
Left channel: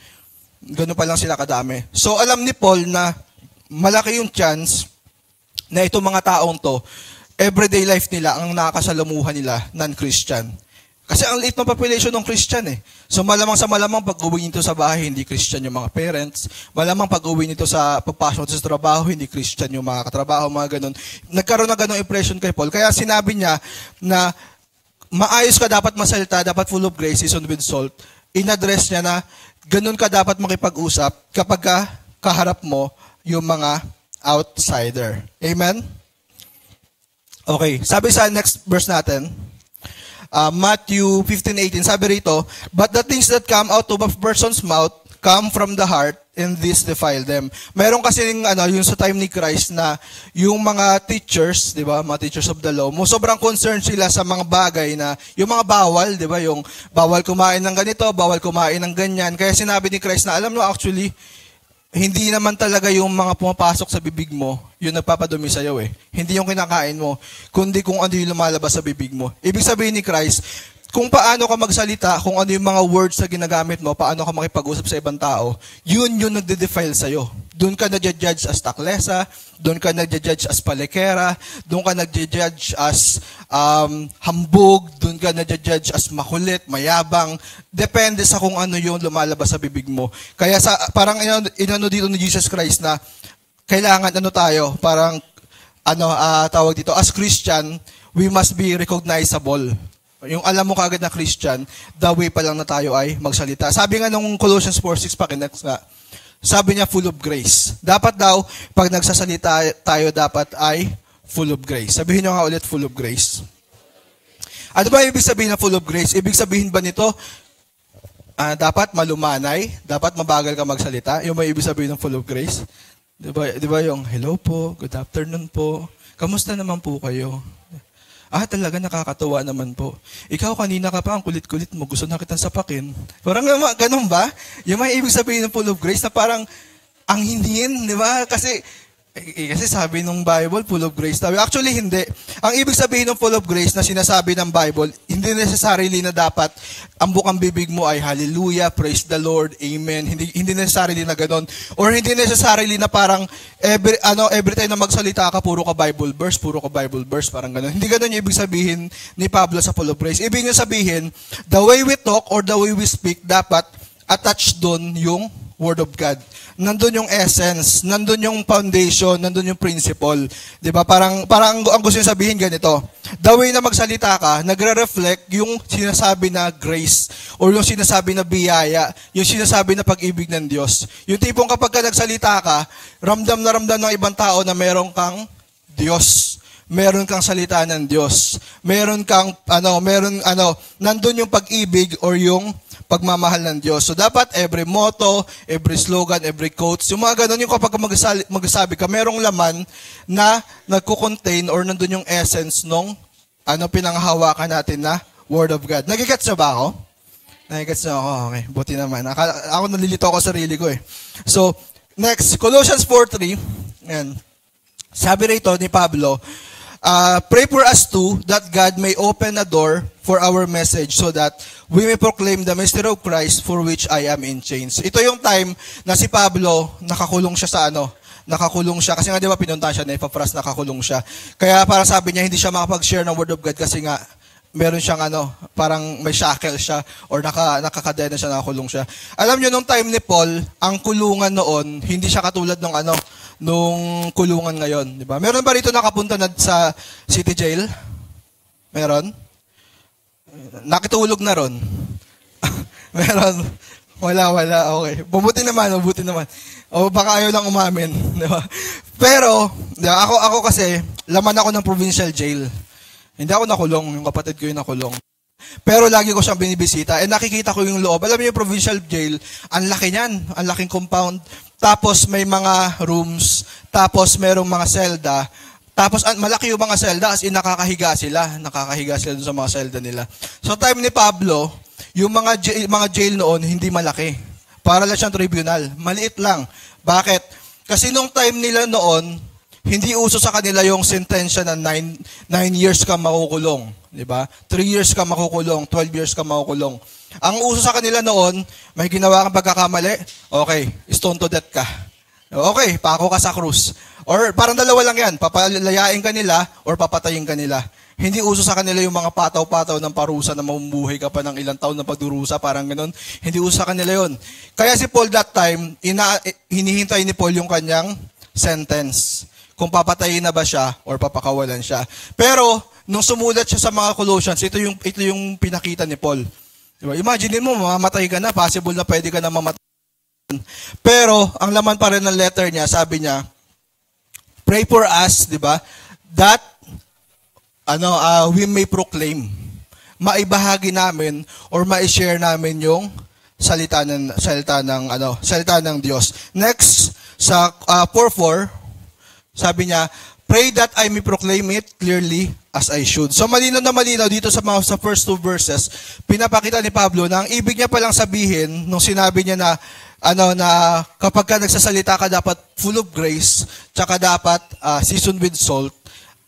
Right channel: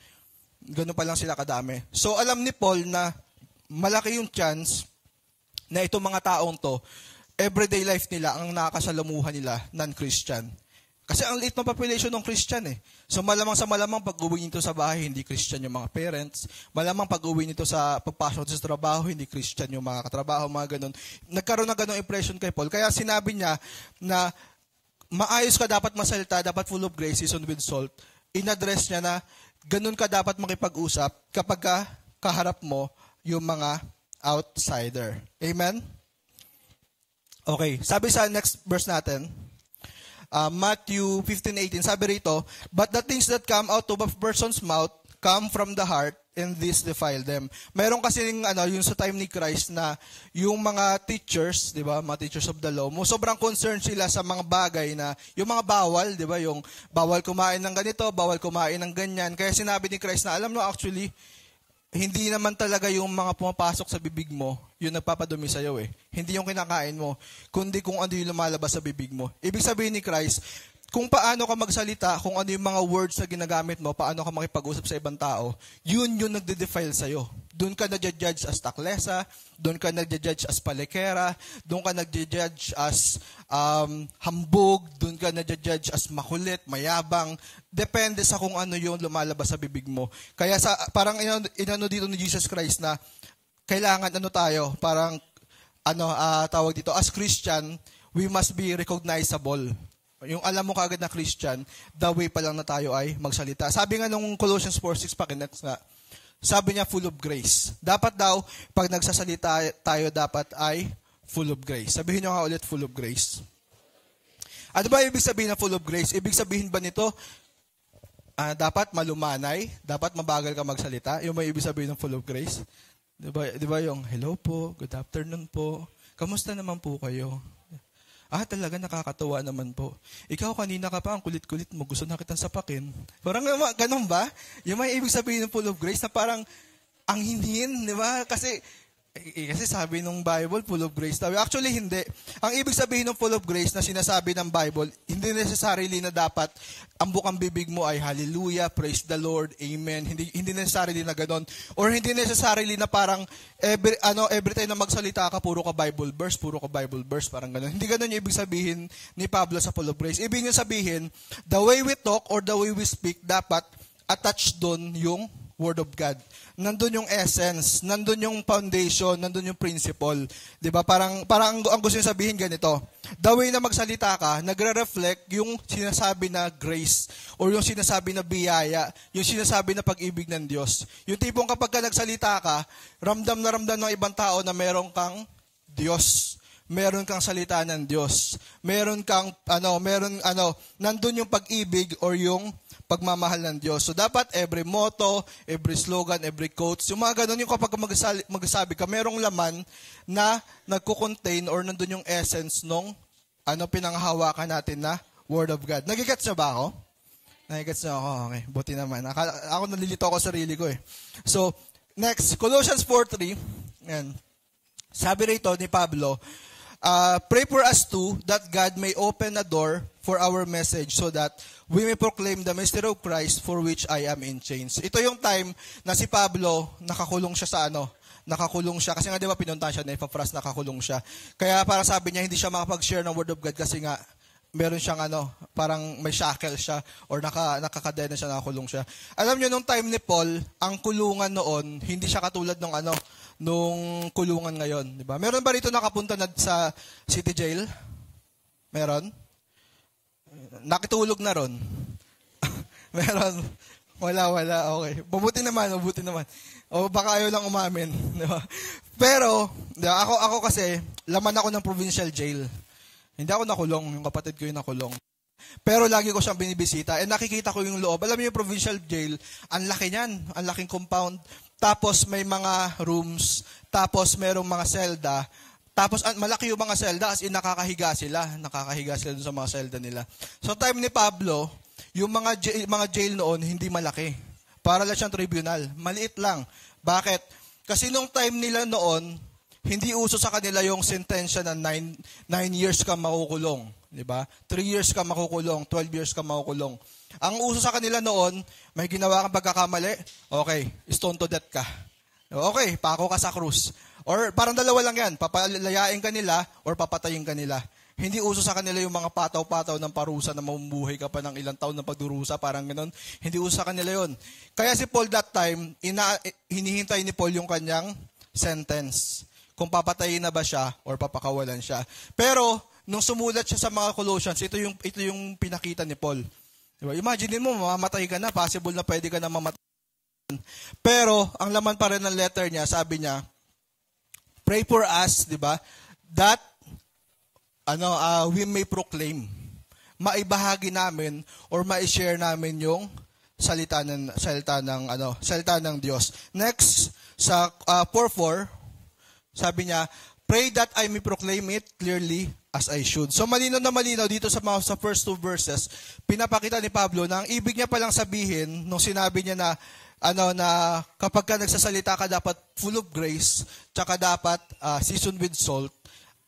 pa lang sila kadami. So alam ni Paul na malaki yung chance na itong mga taong to, everyday life nila, ang nakakasalamuhan nila, non-Christian. Kasi ang liit ng population ng Christian So malamang pag uwi nito sa bahay, hindi Christian yung mga parents. Malamang pag uwi nito pagpasok sa trabaho, hindi Christian yung mga katrabaho, mga ganun. Nagkaroon na ganung impression kay Paul. Kaya sinabi niya na maayos ka dapat masalita, dapat full of grace, seasoned with salt. In-address niya na ganun ka dapat makipag-usap kapag kaharap mo yung mga outsider. Amen? Okay, sabi sa next verse natin, Matthew 15:18, sabi rito, but the things that come out of a person's mouth come from the heart, and this defile them. Meron kasi yung sa time ni Christ na yung mga teachers, di ba, mga teachers of the law, sobrang concerned sila sa mga bagay na, yung mga bawal, di ba, yung bawal kumain ng ganito, bawal kumain ng ganyan. Kaya sinabi ni Christ na, alam mo, actually, hindi naman talaga yung mga pumapasok sa bibig mo, yung nagpapadumi sa'yo Hindi yung kinakain mo, kundi kung ano yung lumalabas sa bibig mo. Ibig sabihin ni Christ, kung paano ka magsalita, kung ano yung mga words na ginagamit mo, paano ka makipag-usap sa ibang tao, yun yung nagde-defile sa'yo. Doon ka nagja-judge as taklesa, doon ka nagja-judge as palekera, doon ka nagja-judge as hambog, doon ka nagja-judge as makulit, mayabang. Depende sa kung ano yung lumalabas sa bibig mo. Kaya parang inano dito ni Jesus Christ na kailangan tawag dito, as Christian, we must be recognizable. Yung alam mo kagad na Christian, the way pa lang na tayo ay magsalita. Sabi nga nung Colossians 4:6 pakinext nga, sabi niya full of grace. Dapat daw, pag nagsasalita tayo, dapat ay full of grace. Sabihin niyo nga ulit, full of grace. Ano ba ibig sabihin na full of grace? Ibig sabihin ba nito, dapat malumanay, dapat mabagal ka magsalita? Yung ba ibig sabihin ng full of grace? Diba yung, hello po, good afternoon po, kamusta naman po kayo? Talaga nakakatuwa naman po. Ikaw kanina ka pa, ang kulit-kulit mo, gusto na kitang sapakin. Parang ganun ba? Yung may ibig sabihin ng full of grace na parang ang hindin, di ba? Kasi sabi ng Bible, full of grace. Actually, hindi. Ang ibig sabihin ng full of grace na sinasabi ng Bible, hindi necessarily na dapat ang bukang bibig mo ay hallelujah, praise the Lord, amen. Hindi necessarily na ganoon. Or hindi necessarily na parang every time na magsalita ka, puro ka Bible verse, parang ganoon. Hindi ganoon yung ibig sabihin ni Pablo sa full of grace. Ibig niya sabihin, the way we talk or the way we speak, dapat attached doon yung Word of God. Nandun yung essence, nandun yung foundation, nandun yung principle. 'Di ba? Parang ang gusto niyo sabihin ganito. The way na magsalita ka, nagre-reflect yung sinasabi na grace or yung sinasabi na biyaya, yung sinasabi na pag-ibig ng Diyos. Yung tipong kapag ka nagsalita ka, ramdam na ramdam ng ibang tao na meron kang Diyos. Meron kang salita ng Diyos. Meron kang nandun yung pag-ibig or yung pagmamahal ng Diyos. So dapat every motto, every slogan, every quotes, yung mga ganun yung kapag magsasabi ka, merong laman na nagko-contain or nandun yung essence nung pinanghahawakan natin na Word of God. Nagigets na ba ako? Nagigets na ako? Okay, buti naman. Ako nalilito ako sa sarili ko So, next, Colossians 4:3. Yan. Sabi rito ni Pablo, pray for us too, that God may open a door for our message so that we may proclaim the mystery of Christ for which I am in chains. Ito yung time na si Pablo, nakakulong siya nakakulong siya. Kasi nga di ba pinunta siya na Epaphras, nakakulong siya. Kaya para sabi niya, hindi siya makapag-share ng Word of God kasi nga, meron siyang parang may shackle siya or nakakadena siya, nakakulong siya. Alam niyo, nung time ni Paul, ang kulungan noon, hindi siya katulad nung kulungan ngayon, di ba? Meron ba rito nakapunta na sa city jail? Meron? Nakitulog na ron? Meron? Wala. Okay. Mabuti naman. O baka ayaw lang umamin, di ba? Pero, ako kasi, laman ako ng provincial jail. Hindi ako nakulong, yung kapatid ko yung nakulong. Pero lagi ko siyang binibisita. Nakikita ko yung loob. Alam niyo yung provincial jail, ang laki niyan. Ang laking compound. Tapos may mga rooms. Tapos merong mga selda. Tapos malaki yung mga selda, as in nakakahiga sila dun sa mga selda nila. So time ni Pablo, yung mga jail noon, hindi malaki. Para lang siyang tribunal. Maliit lang. Bakit? Kasi nung time nila noon, hindi uso sa kanila yung sentensya na 9 years ka makukulong. Diba? 3 years ka makukulong, 12 years ka makukulong. Ang uso sa kanila noon, may ginawa kang pagkakamali, okay, stone to death ka. Okay, pako ka sa krus. Or parang dalawa lang yan, papalayain ka nila or papatayin ka nila. Hindi uso sa kanila yung mga pataw-pataw ng parusa na mamumuhay ka pa ng ilang taon na pagdurusa, parang ganun. Hindi uso sa kanila yun. Kaya si Paul that time, hinihintay ni Paul yung kanyang sentence. Kung papatayin na ba siya or papakawalan siya. Pero, nung sumulat siya sa mga Colossians, ito yung pinakita ni Paul. Diba? Imagine mo, mamamatay ka na, possible na pwede ka na mamatay. Pero, ang laman pa rin ng letter niya, sabi niya, pray for us, di ba, that we may proclaim, maibahagi namin or ma-share namin yung salita ng Diyos. Next, sa 4:4, sabi niya, pray that I may proclaim it clearly as I should. So malinaw na malinaw dito sa first 2 verses, pinapakita ni Pablo na ang ibig niya palang sabihin nung sinabi niya na kapag ka nagsasalita ka dapat full of grace, tsaka dapat seasoned with salt.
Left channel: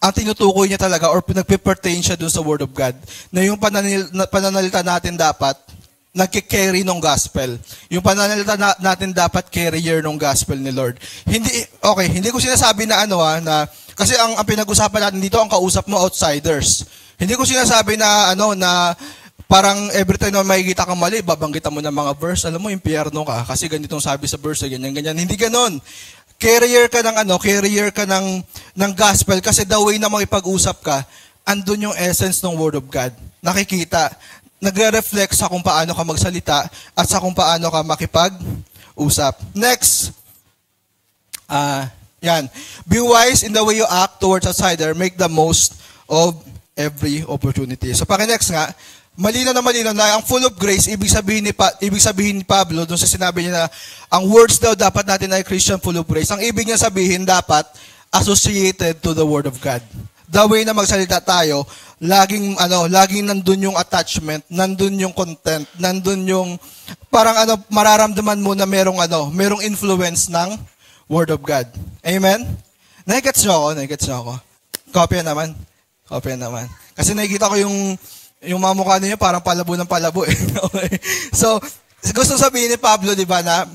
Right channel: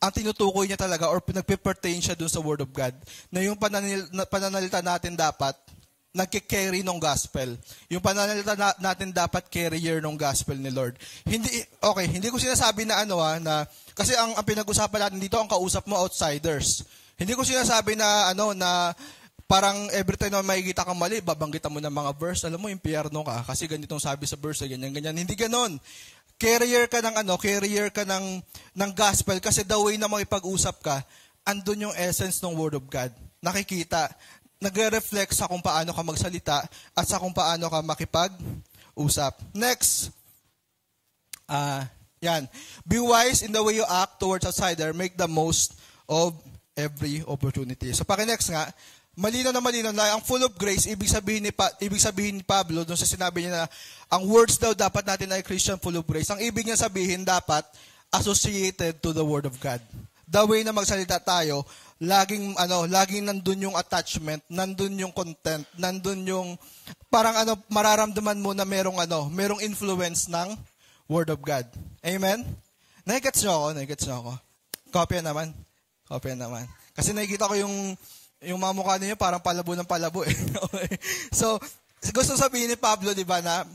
Ang tinutukoy niya talaga or pinagpe-pertain siya dun sa Word of God na yung pananalita natin dapat nagki-carry ng gospel. Yung pananalita natin dapat carrier ng gospel ni Lord. Hindi ko sinasabi na na kasi ang pinag-usapan natin dito ang kausap mo outsiders. Hindi ko sinasabi na parang every time na makikita kang mali, babanggitan mo ng mga verse, alam mo impyerno ka kasi ganitong sabi sa verse, ganyan. Hindi ganoon. Carrier ka ng gospel kasi the way na makipag-usap ka, andun yung essence ng Word of God. Nakikita. Nagre-reflect sa kung paano ka magsalita at sa kung paano ka makipag-usap. Next, yan. Be wise in the way you act towards outsider. Make the most of every opportunity. So, next nga, malinaw na ang full of grace, ibig sabihin ni Pablo, doon sa sinabi niya na ang words daw dapat natin ay Christian full of grace. Ang ibig niya sabihin dapat associated to the Word of God. The way na magsalita tayo, laging nandun yung attachment, nandun yung content, nandun yung parang mararamdaman mo na merong influence ng Word of God. Amen? Nakikets nyo ako. Kopya naman. Kasi nakikita ko yung mga mukha niya parang palabo ng palabo eh. Okay. So, gusto sabihin ni Pablo, di ba, na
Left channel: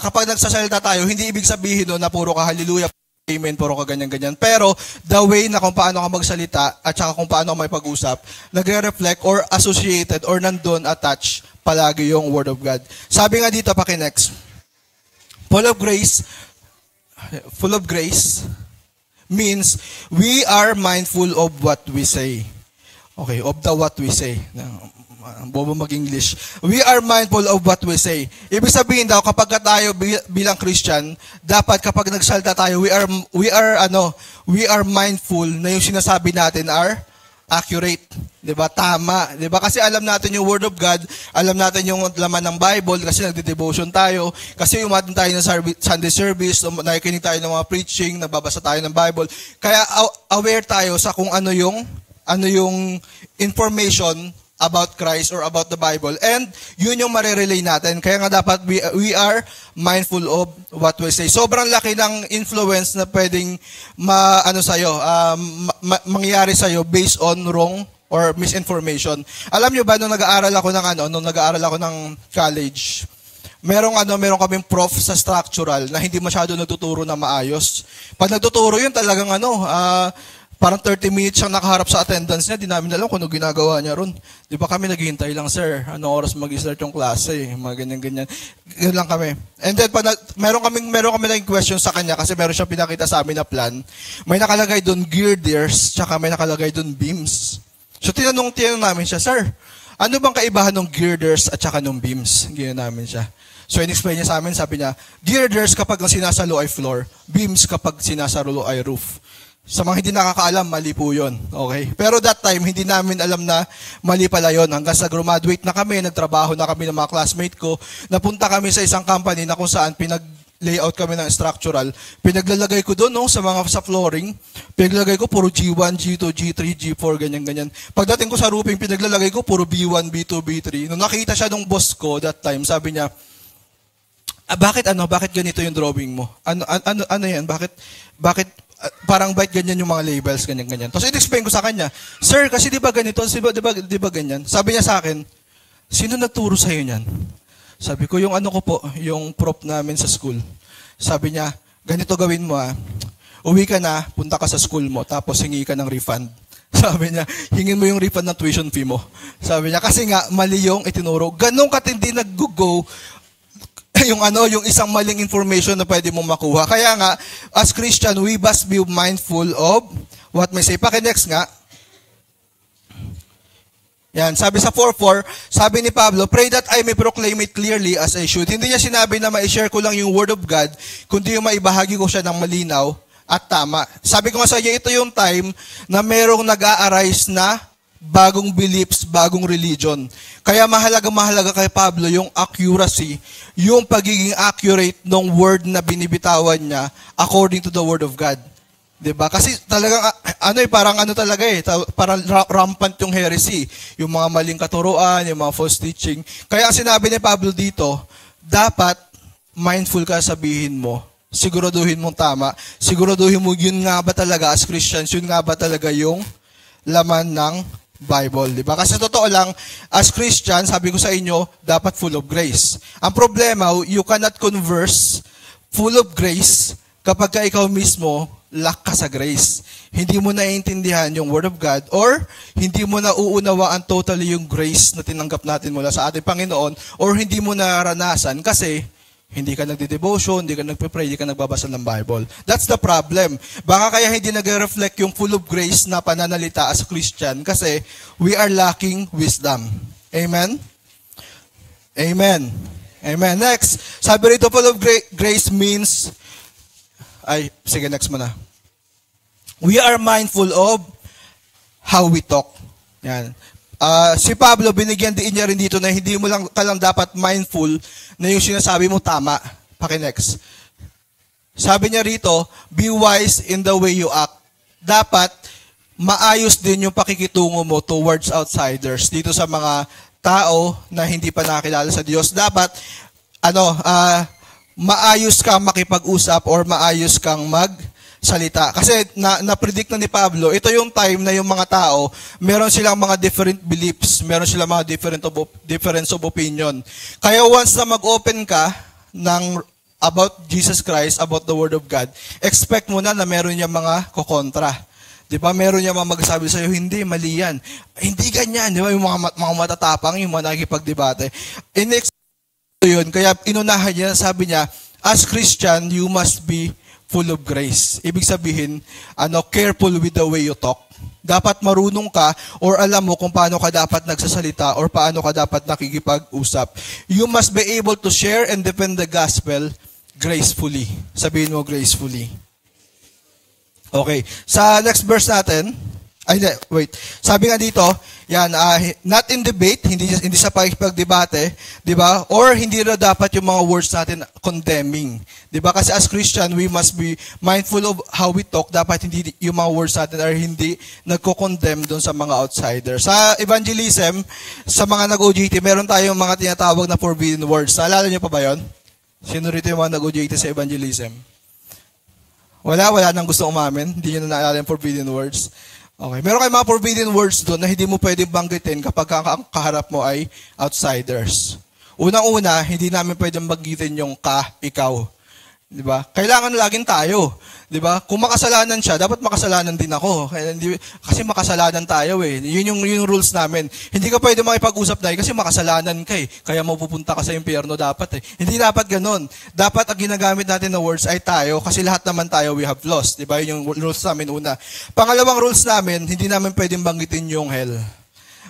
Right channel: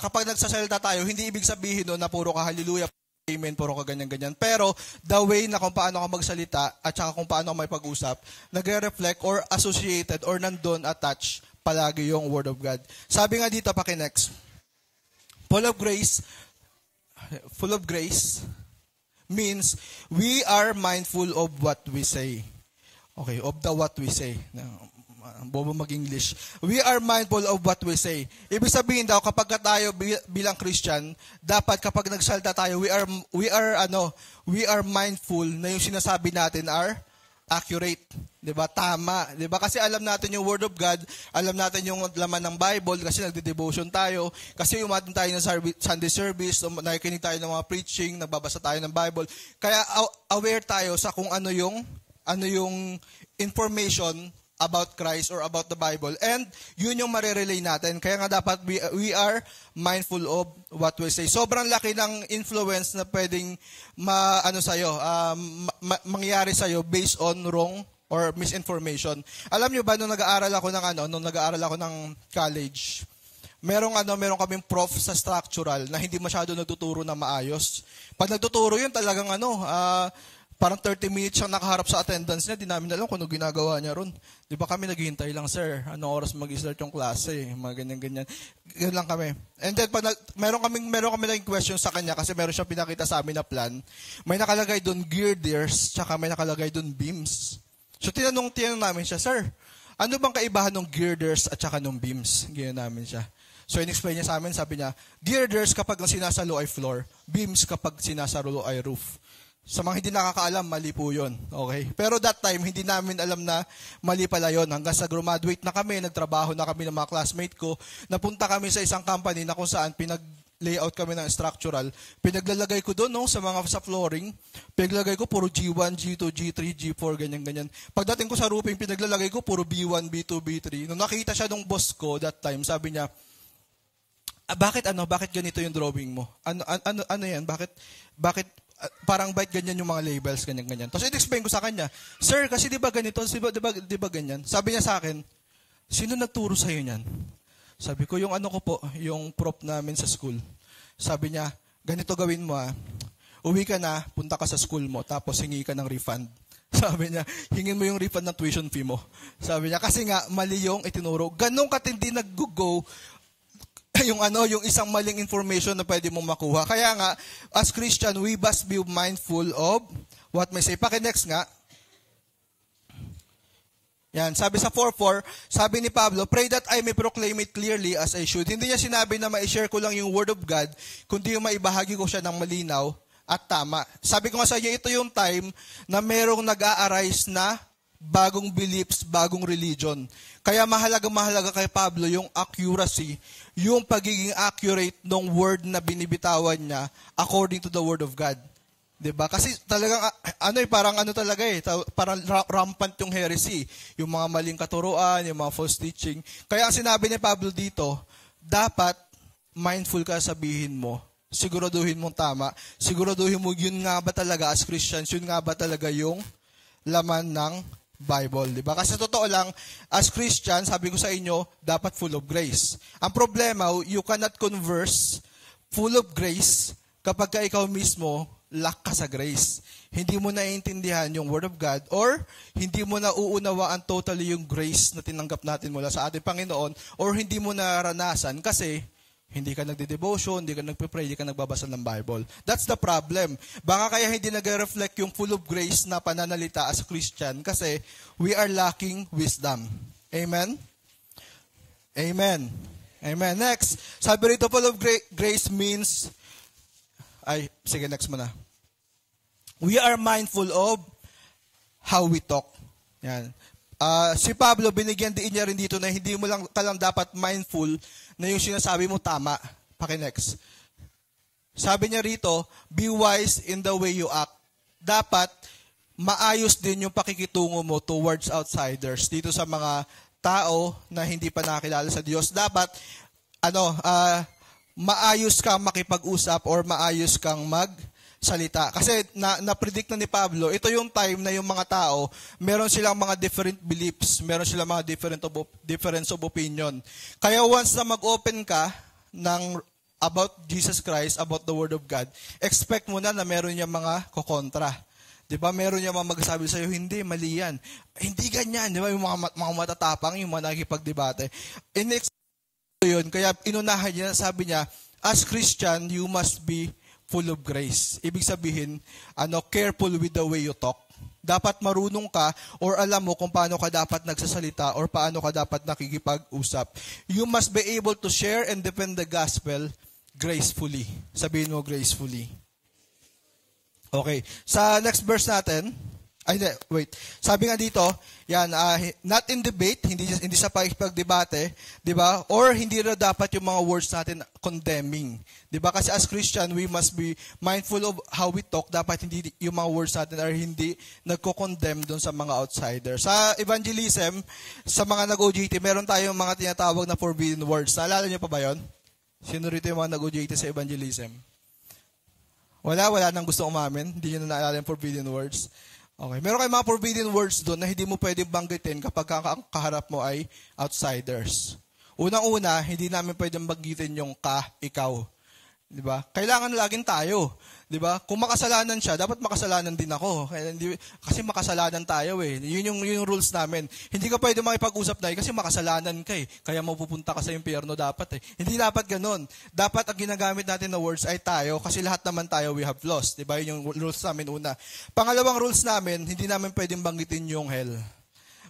kapag nagsasalita tayo, hindi ibig sabihin na puro ka hallelujah, amen, puro ka ganyan-ganyan. Pero, the way na kung paano ka magsalita at saka kung paano ka may pag-usap, nagre-reflect or associated or nandun attached palagi yung Word of God. Sabi nga dito, next, full of grace means we are mindful of what we say. Okay, of what we say. Ang bobo mag-English. We are mindful of what we say. Ibig sabihin daw, kapag tayo bilang Christian, dapat kapag nagsalita tayo, we are mindful na yung sinasabi natin are accurate. Diba? Tama. Diba? Kasi alam natin yung Word of God, alam natin yung laman ng Bible, kasi nagde-devotion tayo, kasi umatin tayo ng Sunday service, nakikinig tayo ng mga preaching, nagbabasa tayo ng Bible. Kaya aware tayo sa kung ano yung information about Christ or about the Bible. And yun yung marirelay natin. Kaya nga dapat we are mindful of what we say. Sobrang laki ng influence na pwedeng mangyari sa'yo based on wrong or misinformation. Alam nyo ba, nung nag-aaral ako ng college, meron kaming prof sa structural na hindi masyado nagtuturo na maayos. Pag nagtuturo yun, talagang parang 30 minutes siyang nakaharap sa attendance niya, di namin alam kung ano ginagawa niya ron. Di ba kami naghihintay lang, sir, anong oras mag-start yung klase, mga ganyan-ganyan. Ganyan lang kami. And then, meron kami lang question sa kanya kasi meron siyang pinakita sa amin na plan. May nakalagay doon girders, tsaka may nakalagay doon beams. So, tinanong namin siya, sir, ano bang kaibahan ng girders at tsaka ng beams? Ganyan namin siya. So, in-explain niya sa amin, sabi niya, girders kapag ang sinasalo ay floor, beams kapag sinasalo ay roof. Sa mga hindi nakakaalam, mali po yun. Okay? Pero that time, hindi namin alam na mali pala yun. Hanggang sa graduate na kami, nagtrabaho na kami ng mga classmate ko, napunta kami sa isang company na kung saan layout kami ng structural, pinaglalagay ko doon sa flooring, pinaglalagay ko puro G1, G2, G3, G4, ganyan. Pagdating ko sa roofing, pinaglalagay ko puro B1, B2, B3. Nung nakita siya nung boss ko that time, sabi niya, bakit ganito yung drawing mo? Ano yan? Bakit parang ganyan yung mga labels, ganyan. Tapos i-explain ko sa kanya, sir, kasi di ba ganito? Di ba ganyan? Sabi niya sa akin, sino nagturo sa'yo niyan? Sabi ko, yung yung prop namin sa school. Sabi niya, ganito gawin mo uwi ka na, punta ka sa school mo, tapos hingi ka ng refund. Sabi niya, hingin mo yung refund ng tuition fee mo. Sabi niya, kasi nga, mali yung itinuro. Ganong katindi nag-go yung isang maling information na pwede mong makuha. Kaya nga, as Christian, we must be mindful of what may say. Paki-next nga. Yan, sabi sa 4:4, sabi ni Pablo, pray that I may proclaim it clearly as I should. Hindi niya sinabi na ma-share ko lang yung word of God, kundi yung maibahagi ko siya ng malinaw at tama. Sabi ko nga sa iyo, ito yung time na merong nag-a-arise na bagong beliefs, bagong religion. Kaya mahalaga kay Pablo yung accuracy, yung pagiging accurate ng word na binibitawan niya according to the word of God. Diba? Kasi talagang, parang rampant yung heresy. Yung mga maling katuruan, yung mga false teaching. Kaya sinabi ni Pablo dito, dapat mindful ka sabihin mo. Siguraduhin mong tama. Siguraduhin mo yun nga ba talaga as Christians, yun nga ba talaga yung laman ng Bible. Diba? Kasi totoo lang, as Christian, sabi ko sa inyo, dapat full of grace. Ang problema, you cannot converse full of grace kapag ka ikaw mismo lack ka sa grace. Hindi mo naiintindihan yung Word of God or hindi mo na uunawaan totally yung grace na tinanggap natin mula sa ating Panginoon or hindi mo naranasan kasi hindi ka nagde-devotion, hindi ka nagpe-pray, hindi ka nagbabasa ng Bible. That's the problem. Baka kaya hindi nag-reflect yung full of grace na pananalita as a Christian kasi we are lacking wisdom. Amen? Amen. Amen. Next, sabi rito full of grace means sige, next mo na. We are mindful of how we talk. Yan. Si Pablo, binigyan din niya rin dito na hindi mo lang dapat mindful na yung sinasabi mo tama. Paki-next. Sabi niya rito, be wise in the way you act. Dapat maayos din yung pakikitungo mo towards outsiders. Dito sa mga tao na hindi pa nakilala sa Diyos. Dapat, maayos kang makipag-usap or maayos kang magsalita. Kasi na-predict na ni Pablo, ito yung time na yung mga tao, meron silang mga different beliefs, meron silang mga difference of opinion. Kaya once na mag-open ka about Jesus Christ, about the Word of God, expect mo na meron niya mga kokontra. Di ba? Meron niya mga magsasabi sa'yo, hindi, mali yan. Hindi ganyan. Di ba? Yung mga matatapang, yung mga nakikipagdebate. Yun, kaya inunahan niya, sabi niya, as Christian, you must be full of grace. Ibig sabihin, careful with the way you talk. Dapat marunong ka or alam mo kung paano ka dapat nagsasalita or paano ka dapat nakikipag-usap. You must be able to share and defend the gospel gracefully. Sabihin mo gracefully. Okay, sa next verse natin, sabi nga dito, yan, not in debate, hindi sa pagdebate, di ba? Or hindi na dapat yung mga words natin condemning. Di ba? Kasi as Christian, we must be mindful of how we talk. Dapat hindi yung mga words natin are hindi nagko-condemn doon sa mga outsiders. Sa evangelism, sa mga nag-OJT, meron tayong mga tinatawag na forbidden words. Naalala niyo pa ba yun? Sino rito yung mga nag-OJT sa evangelism? Wala nang gusto umamin. Hindi nyo na naalala yung forbidden words. Okay, meron kayong mga forbidden words doon na hindi mo pwedeng banggitin kapag ang kaharap mo ay outsiders. Unang-una, hindi namin pwedeng banggitin yung ikaw. Di ba? Kailangan laging tayo. Di ba? Kung makasalanan siya, dapat makasalanan din ako. Kasi makasalanan tayo eh. Yun yung rules namin. Hindi ka pwede makipag-usap dahil kasi makasalanan ka eh. Kaya mapupunta ka sa impyerno dapat eh. Hindi dapat ganun. Dapat ang ginagamit natin na words ay tayo kasi lahat naman tayo we have lost. Di ba? Yun yung rules namin una. Pangalawang rules namin, hindi namin pwedeng banggitin yung hell.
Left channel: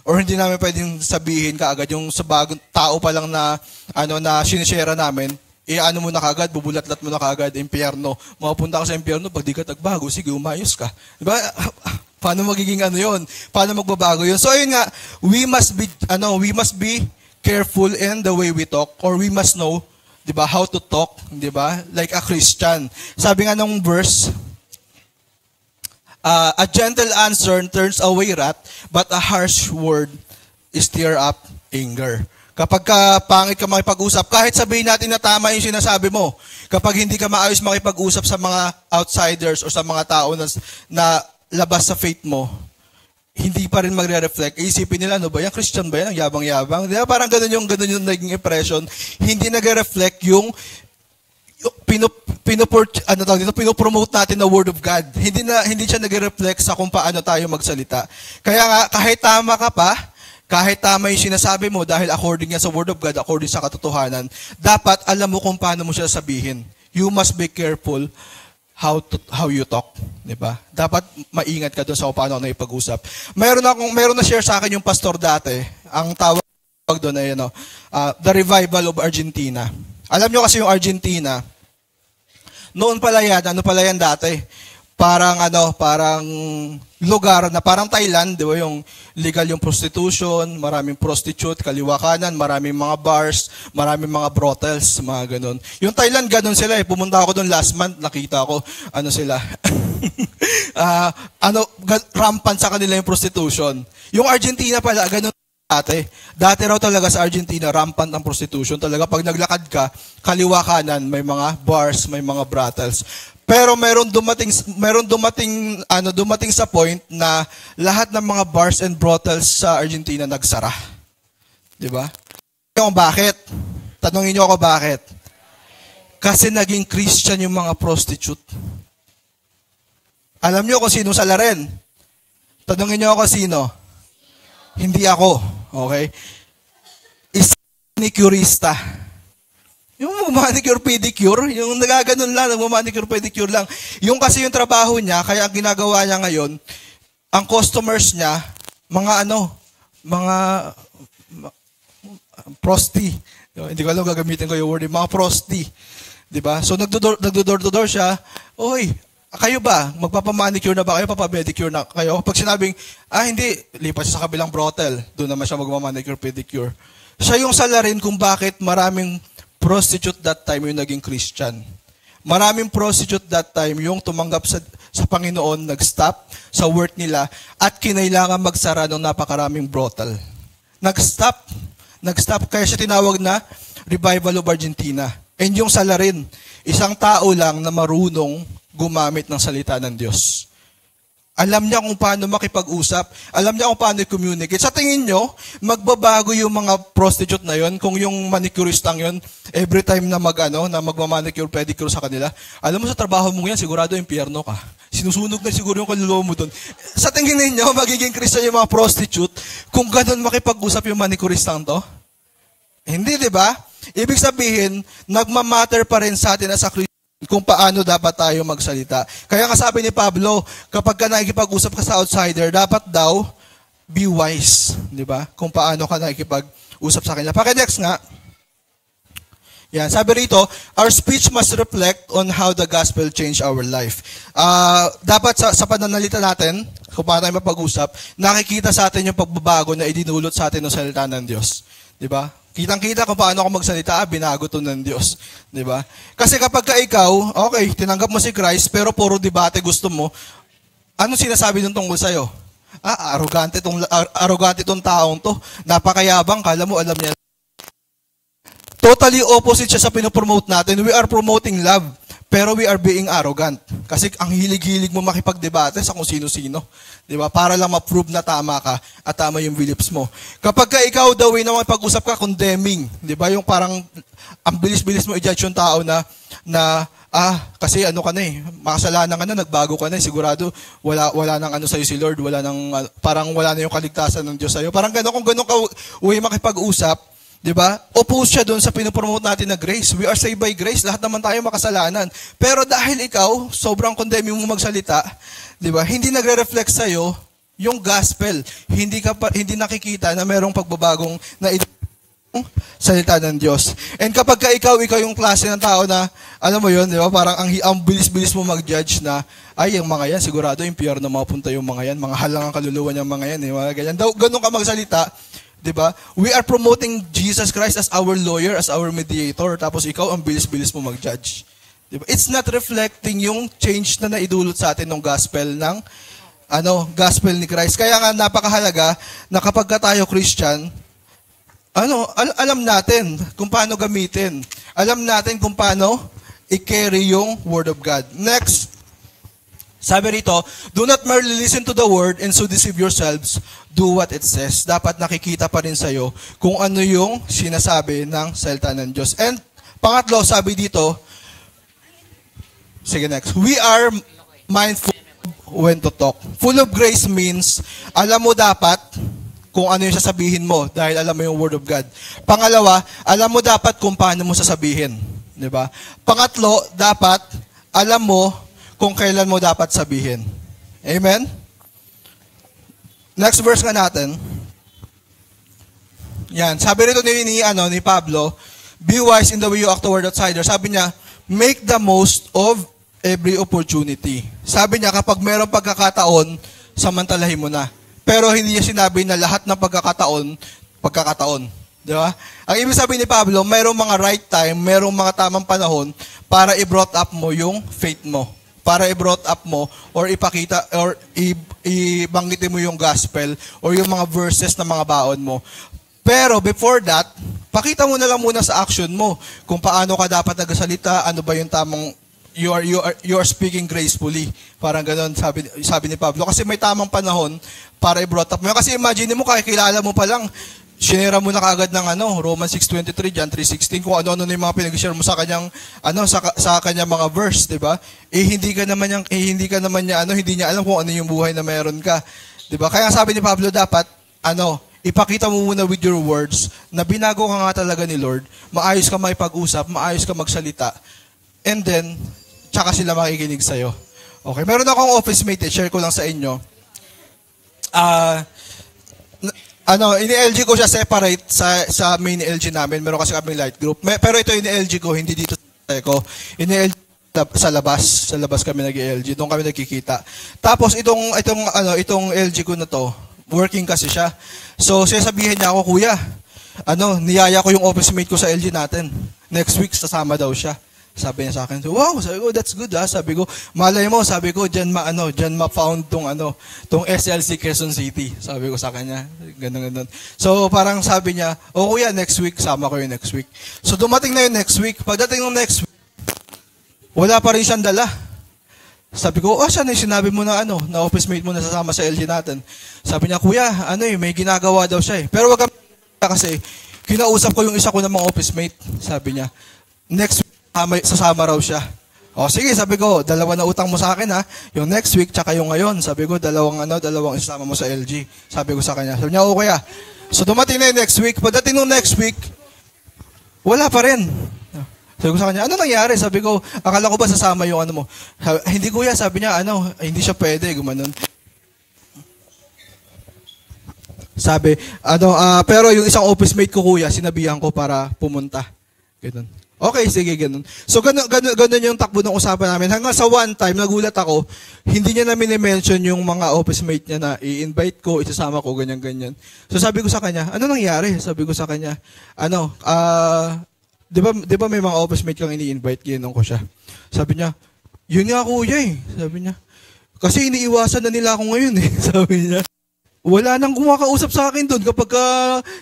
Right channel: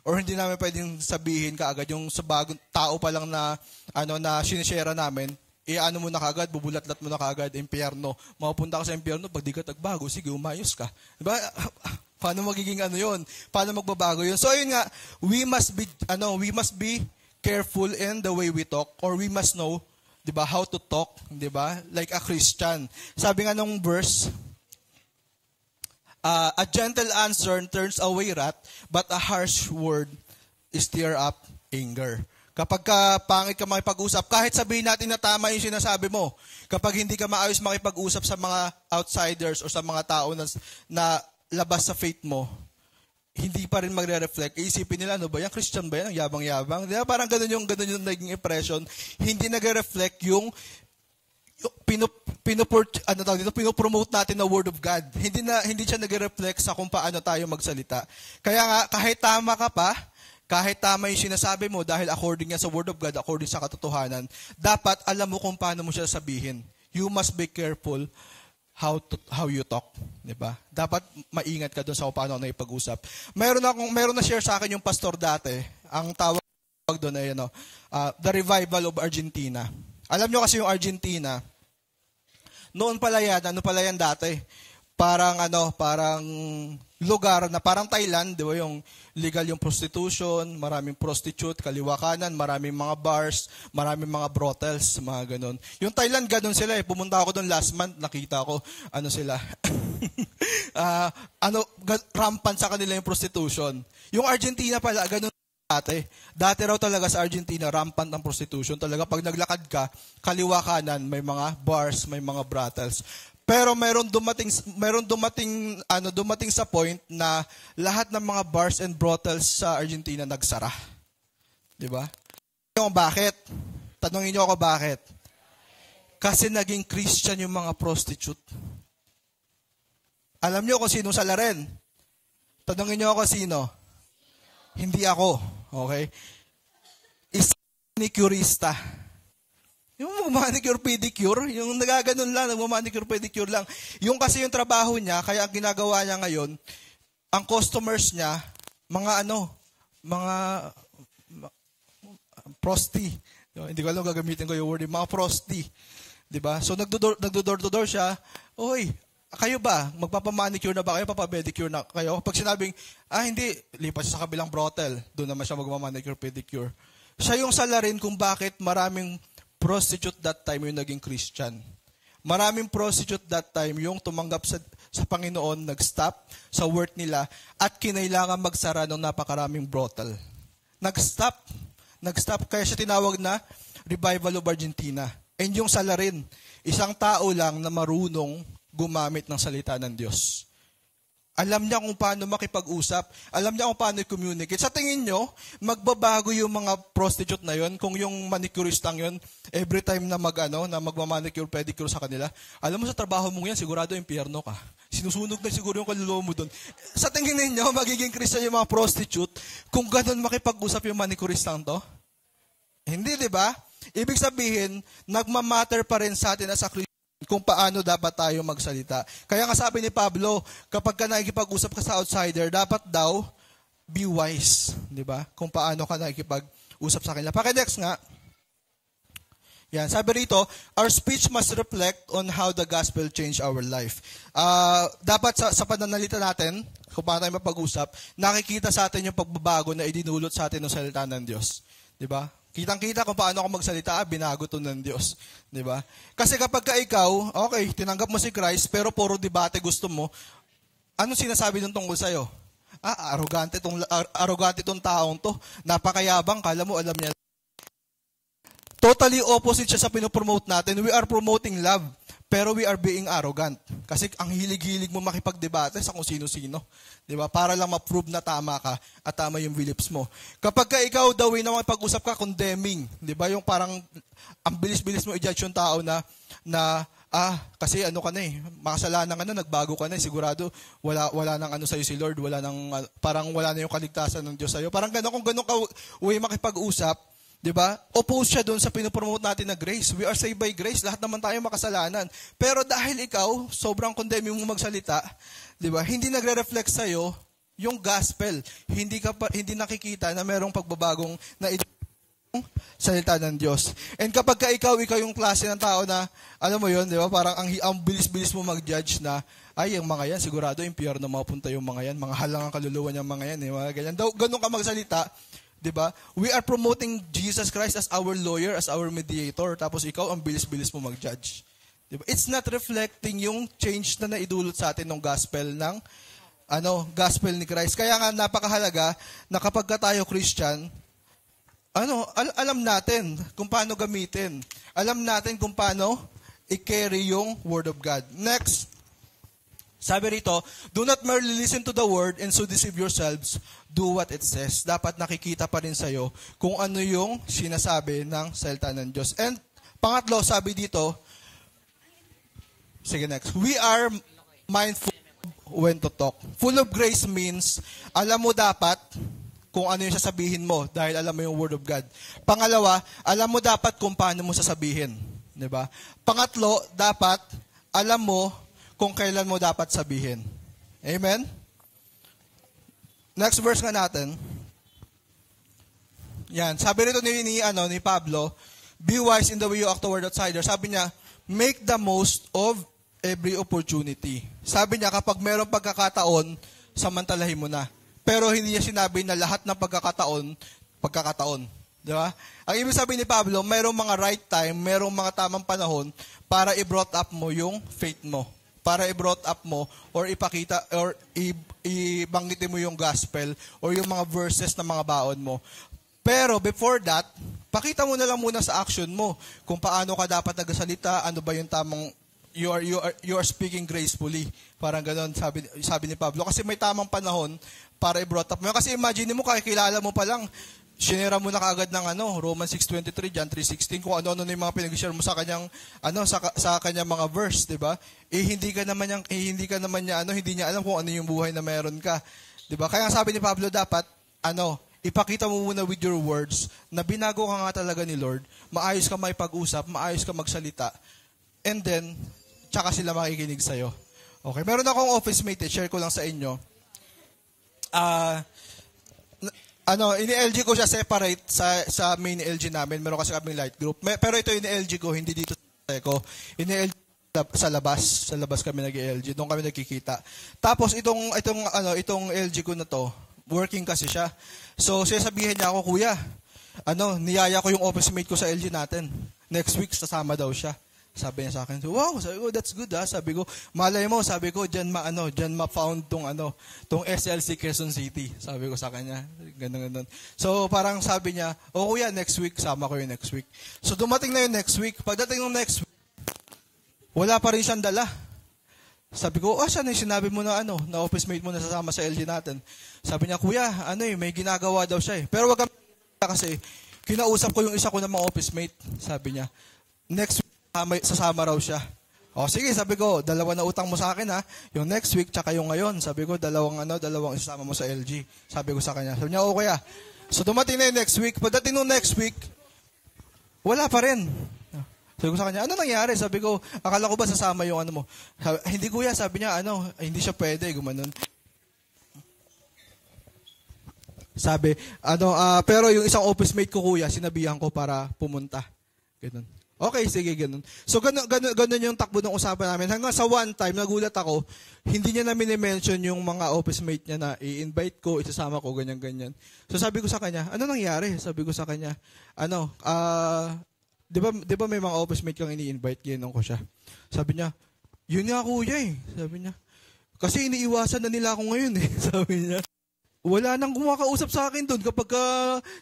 Or hindi namin pwedeng sabihin kaagad yung sa bagong tao pa lang na sinishare namin. Ano mo na kagad, bubulatlat mo na kagad, impyerno. Mapunta ka sa impyerno, pag di ka tagbago, sige, umayos ka. Diba? Paano magiging yun? Paano magbabago yun? So, yun nga, we must be careful in the way we talk, or we must know 'di ba? How to talk, 'di ba? Like a Christian. Sabi nga ng verse, a gentle answer turns away wrath, but a harsh word stir up anger. Kapag pangit ka makipag-usap, kahit sabihin natin na tama yung sinasabi mo, kapag hindi ka maayos makipag-usap sa mga outsiders o sa mga tao na labas sa faith mo, hindi pa rin magre-reflect. Isipin nila, ano ba yan? Christian ba yan? Ang yabang-yabang. Di ba? Parang ganun yung naging impression. Hindi nagre-reflect yung pinopromote natin na Word of God. Hindi siya nagre-reflect sa kung paano tayo magsalita. Kaya nga, kahit tama ka pa, kahit tama yung sinasabi mo dahil according nga sa Word of God, according sa katotohanan, dapat alam mo kung paano mo siya sabihin. You must be careful how you talk, 'di ba? Dapat maingat ka doon sa kung paano na ipag-usap. Meron na share sa akin yung pastor dati. Ang tawag doon ay The Revival of Argentina. Alam nyo kasi yung Argentina, noon pala yan dati? Parang lugar na parang Thailand, di ba, yung legal yung prostitution, maraming prostitute, kaliwa kanan, maraming mga bars, maraming mga brothels, mga ganun. Yung Thailand, ganun sila eh. Pumunta ako doon last month, nakita ko, sila, rampant sa kanila yung prostitution. Yung Argentina pala, ganun dati. Dati raw talaga sa Argentina, rampant ang prostitution. Talaga, pag naglakad ka, kaliwa kanan, may mga bars, may mga brothels. Pero meron dumating sa point na lahat ng mga bars and brothels sa Argentina nagsara. 'Di ba? Kung bakit? Tanungin niyo ako bakit? Kasi naging Christian yung mga prostitute. Alam niyo kung sino salarin? Tanungin niyo ako sino? Hindi ako, okay? Manicurista. Yung manicure pedicure, yung nagaganon lang, manicure pedicure lang. Yung kasi yung trabaho niya, kaya ang ginagawa niya ngayon, ang customers niya, mga prosti. Hindi ko alam gagamitin ko yung word, mga prosti. 'Di ba? So nagdo-door to door siya. Oy, kayo ba? Magpapamanicure na ba kayo? Papapedicure na kayo? Pag sinabing, hindi, lipat siya sa kabilang brothel. Doon naman siya magmamanicure pedicure. Siya yung salarin kung bakit maraming prostitute that time yung naging Christian. Maraming prostitute that time yung tumanggap sa Panginoon, nag-stop sa work nila at kinailangan magsara ng napakaraming brothel. Nag-stop. Kaya siya tinawag na Revival of Argentina. And yung salarin, isang tao lang na marunong gumamit ng salita ng Diyos. Alam niya kung paano makipag-usap. Alam niya kung paano i-communicate. Sa tingin nyo, magbabago yung mga prostitute na yon kung yung manicuristang yon every time na magmamanicure, pedicure sa kanila. Alam mo sa trabaho mo yan, sigurado impyerno ka. Sinusunog na siguro yung kaluluwa mo doon. Sa tingin ninyo, magiging Christian yung mga prostitute kung ganun makipag-usap yung manicuristang to? Hindi, di ba? Ibig sabihin, nagmamatter pa rin sa atin as a Christian kung paano dapat tayo magsalita. Kaya nga sabi ni Pablo, kapag ka nakikipag-usap ka sa outsider, dapat daw be wise, di ba? Kung paano ka nakikipag-usap sa kanila. Paki-next nga. Yan, sabi rito, our speech must reflect on how the gospel changed our life. Dapat sa pananalita natin, kung paano tayo mapag-usap, nakikita sa atin yung pagbabago na idinulot sa atin ng salita ng Diyos. Di ba? Kitang-kita kung paano ako magsalita, binago to ng Diyos. Di ba? Kasi kapag ka ikaw, okay, tinanggap mo si Christ, pero puro debate gusto mo, ano sinasabi nung tungkol sa'yo? Arrogante tong taong to. Napakayabang, kala mo, alam niya. Totally opposite siya sa pinopromote natin. We are promoting love, pero we are being arrogant. Kasi ang hilig-hilig mo makipagdebate sa kung sino-sino. Di ba? Para lang ma-prove na tama ka at tama yung beliefs mo. Kapag ka ikaw daw na makipag-usap ka, condemning. Di ba? Yung parang ang bilis-bilis mo i-judge yung tao na kasi ka na makasalanan ka na, nagbago ka na, sigurado wala nang sa'yo si Lord, parang wala na yung kaligtasan ng Diyos sa'yo. Parang gano'n, kung gano'n ka uwi makipag-usap, di ba? Oppose siya doon sa pinopromote natin na grace. We are saved by grace. Lahat naman tayo makasalanan. Pero dahil ikaw, sobrang condemning mo magsalita, di ba? Hindi nagre-reflect sa'yo yung gospel. Hindi nakikita na merong pagbabagong na salita ng Diyos. And kapag ikaw yung klase ng tao na, alam mo yun, di ba? Parang ang bilis-bilis mo mag-judge na, yung mga yan, sigurado impyerno mapunta yung mga yan, mga halang ang kaluluwa niyang mga yan, di ba? Ganyan. Ganun ka magsalita, 'Di ba? We are promoting Jesus Christ as our lawyer, as our mediator, tapos ikaw ang bilis-bilis mo mag-judge. 'Di ba? It's not reflecting yung change na naidulot sa atin ng gospel ni Christ. Kaya nga napakahalaga na kapag tayo Christian, alam natin kung paano gamitin. Alam natin kung paano i-carry yung Word of God. Next, sabi rito, do not merely listen to the Word and so deceive yourselves. Do what it says. Dapat nakikita pa rin sa'yo kung ano yung sinasabi ng salita ng Diyos. And pangatlo, sabi dito, sige next, we are mindful when to talk. Full of grace means, alam mo dapat kung ano yung sasabihin mo dahil alam mo yung Word of God. Pangalawa, alam mo dapat kung paano mo sasabihin. Diba? Pangatlo, dapat alam mo kung kailan mo dapat sabihin. Amen? Next verse nga natin. Yan. Sabi rito ni Pablo, be wise in the way you act toward outsiders. Sabi niya, make the most of every opportunity. Sabi niya, kapag mayroong pagkakataon, samantalahin mo na. Pero hindi niya sinabi na lahat ng pagkakataon. Di ba? Ang ibig sabihin ni Pablo, mayroong mga right time, mayroong mga tamang panahon para i-brought up mo yung faith mo. Para i-brought up mo or ipakita or ibanggitin mo yung gospel or yung mga verses na mga baon mo. Pero before that, pakita mo na lang muna sa action mo kung paano ka dapat nagsalita, ano ba yung tamang you are speaking gracefully. Parang ganoon sabi ni Pablo kasi may tamang panahon para i-brought up mo. Kasi imagine mo kakilala mo pa lang shinera mo na kaagad ng Romans 6:23, John 3:16, kung ano-ano na yung mga pinag-share mo sa kanyang sa kanyang mga verse, 'di ba? Hindi niya alam kung ano yung buhay na meron ka, 'di ba? Kaya sabi ni Pablo dapat ipakita mo muna with your words na binago ka nga talaga ni Lord, maayos ka makipag-usap, maayos ka magsalita. And then tsaka sila makikinig sa iyo. Okay, meron akong office mate, share ko lang sa inyo. Ini-LG ko siya separate sa main LG namin. Meron kasi kaming light group. Pero ito ini-LG ko, hindi dito sa ko. Ini-LG sa labas kami nag-LG. Doon kami nagkikita. Tapos itong LG ko na to, working kasi siya. So sasabihin niya ako, kuya, niyaya ko yung office mate ko sa LG natin. Next week sasama daw siya. Sabi niya sa akin, so, wow, sabi ko, that's good ha. Sabi ko, malay mo, sabi ko, dyan ma-found tong SLC Quezon City. Sabi ko sa kanya, ganun. So, parang sabi niya, kuya, next week, sama ko yung next week. So, dumating na yung next week. Pagdating ng next week, wala pa rin siyang dala. Sabi ko, siya na yung sinabi mo na na office mate mo na sasama sa LG natin. Sabi niya, kuya, may ginagawa daw siya eh. Pero wag kasi, kinausap ko yung isa ko ng mga office mate. Sabi niya, next week, sasama raw siya. Sige, sabi ko, dalawa na utang mo sa akin ha. Yung next week, tsaka yung ngayon. Sabi ko, dalawang isasama mo sa LG. Sabi ko sa kanya. Sabi niya, kaya. So, dumating na yung next week. Pagdating nung next week, wala pa rin. Sabi ko sa kanya, ano nangyari? Sabi ko, akala ko ba sasama yung mo? Hindi kuya, sabi niya, hindi siya pwede, gumanon. Sabi, pero yung isang office mate ko kuya, sinabihan ko para pumunta. Ganun. Okay, sige, ganun. So, ganun yung takbo ng usapan namin. Hanggang sa one time, nagulat ako, hindi niya namin i-mention yung mga office mate niya na i-invite ko, isasama ko, ganyan-ganyan. So, sabi ko sa kanya, ano nangyari? Sabi ko sa kanya, di ba may mga office mate kang ini-invite, ginanong ko siya. Sabi niya, yun nga kuya eh. Sabi niya, kasi iniiwasan na nila ako ngayon eh. Sabi niya, wala nang kumakausap sa akin doon kapag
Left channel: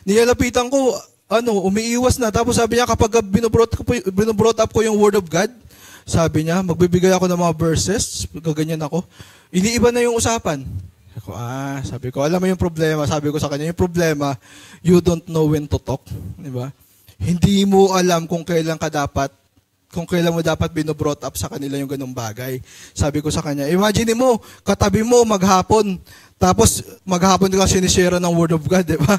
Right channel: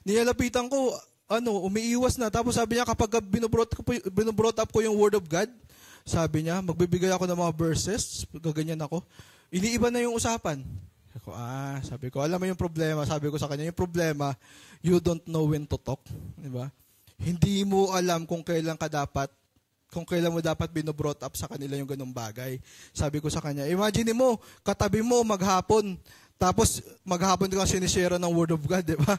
nilalapitan ko, umiiwas na. Tapos sabi niya, kapag binobrought up ko yung Word of God, sabi niya, magbibigay ako ng mga verses, gaganyan ako. Iniiba na yung usapan. Sabi ko, alam mo yung problema, sabi ko sa kanya, yung problema, you don't know when to talk. Diba? Hindi mo alam kung kailan mo dapat binobrought up sa kanila yung ganung bagay. Sabi ko sa kanya, imagine mo, katabi mo maghapon, tapos maghapon ka sinishare ng Word of God, di ba?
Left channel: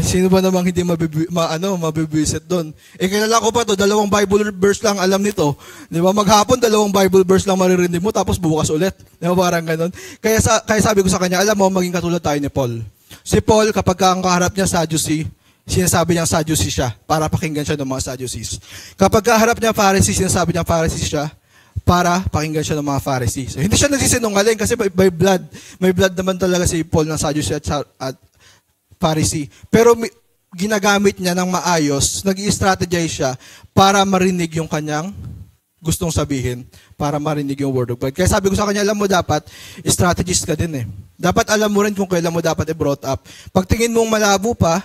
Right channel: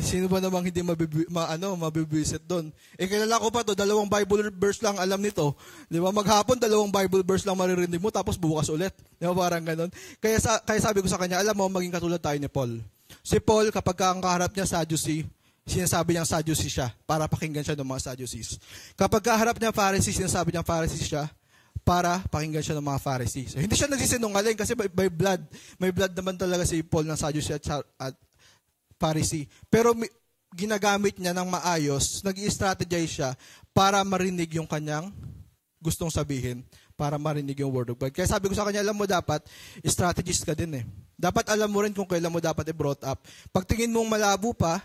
Sino ba namang hindi mabibisit doon? Kilala ko pa to, 2 Bible verse lang alam nito. Di ba? Maghapon, 2 Bible verse lang maririnig mo, tapos bukas ulit. Di ba? Parang ganun. Kaya sabi ko sa kanya, alam mo, maging katulad tayo ni Paul. Si Paul, kapag ang kaharap niya Sadducee, sinasabi niya Sadducee siya, para pakinggan siya ng mga Sadducees. Kapag kaharap niya Pharisee, sinasabi niya Pharisee siya, para pakinggan siya ng mga Pharisees. So, hindi siya nagsisinungaling kasi may blood naman talaga si Paul ng Sadducee at Pharisee. Pero ginagamit niya ng maayos, nag-i-strategize siya para marinig yung kanyang gustong sabihin, para marinig yung word of God. Kaya sabi ko sa kanya, alam mo dapat, strategist ka din eh. Dapat alam mo rin kung kailan mo dapat i-brought up. Pag tingin mong malabo pa,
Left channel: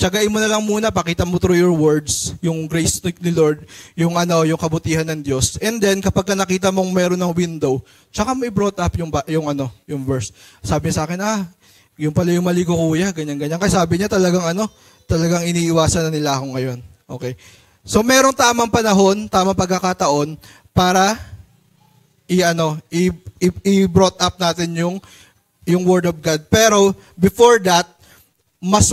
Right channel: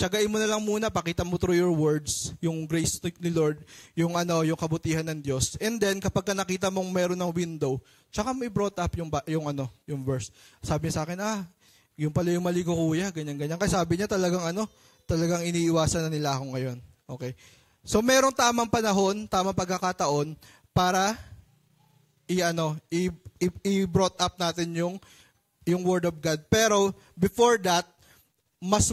tsagain mo na lang muna, pakita mo through your words, yung grace ni Lord, yung kabutihan ng Diyos. And then, kapag nakita mong meron ng window, tsaka mo i-brought up yung verse. Sabi niya sa akin, yung pala yung mali ko kuya, ganyan-ganyan. Kaya sabi niya talagang iniiwasan na nila ako ngayon. Okay. So, merong tamang panahon, tamang pagkakataon, para i-brought up natin yung word of God. Pero, before that, mas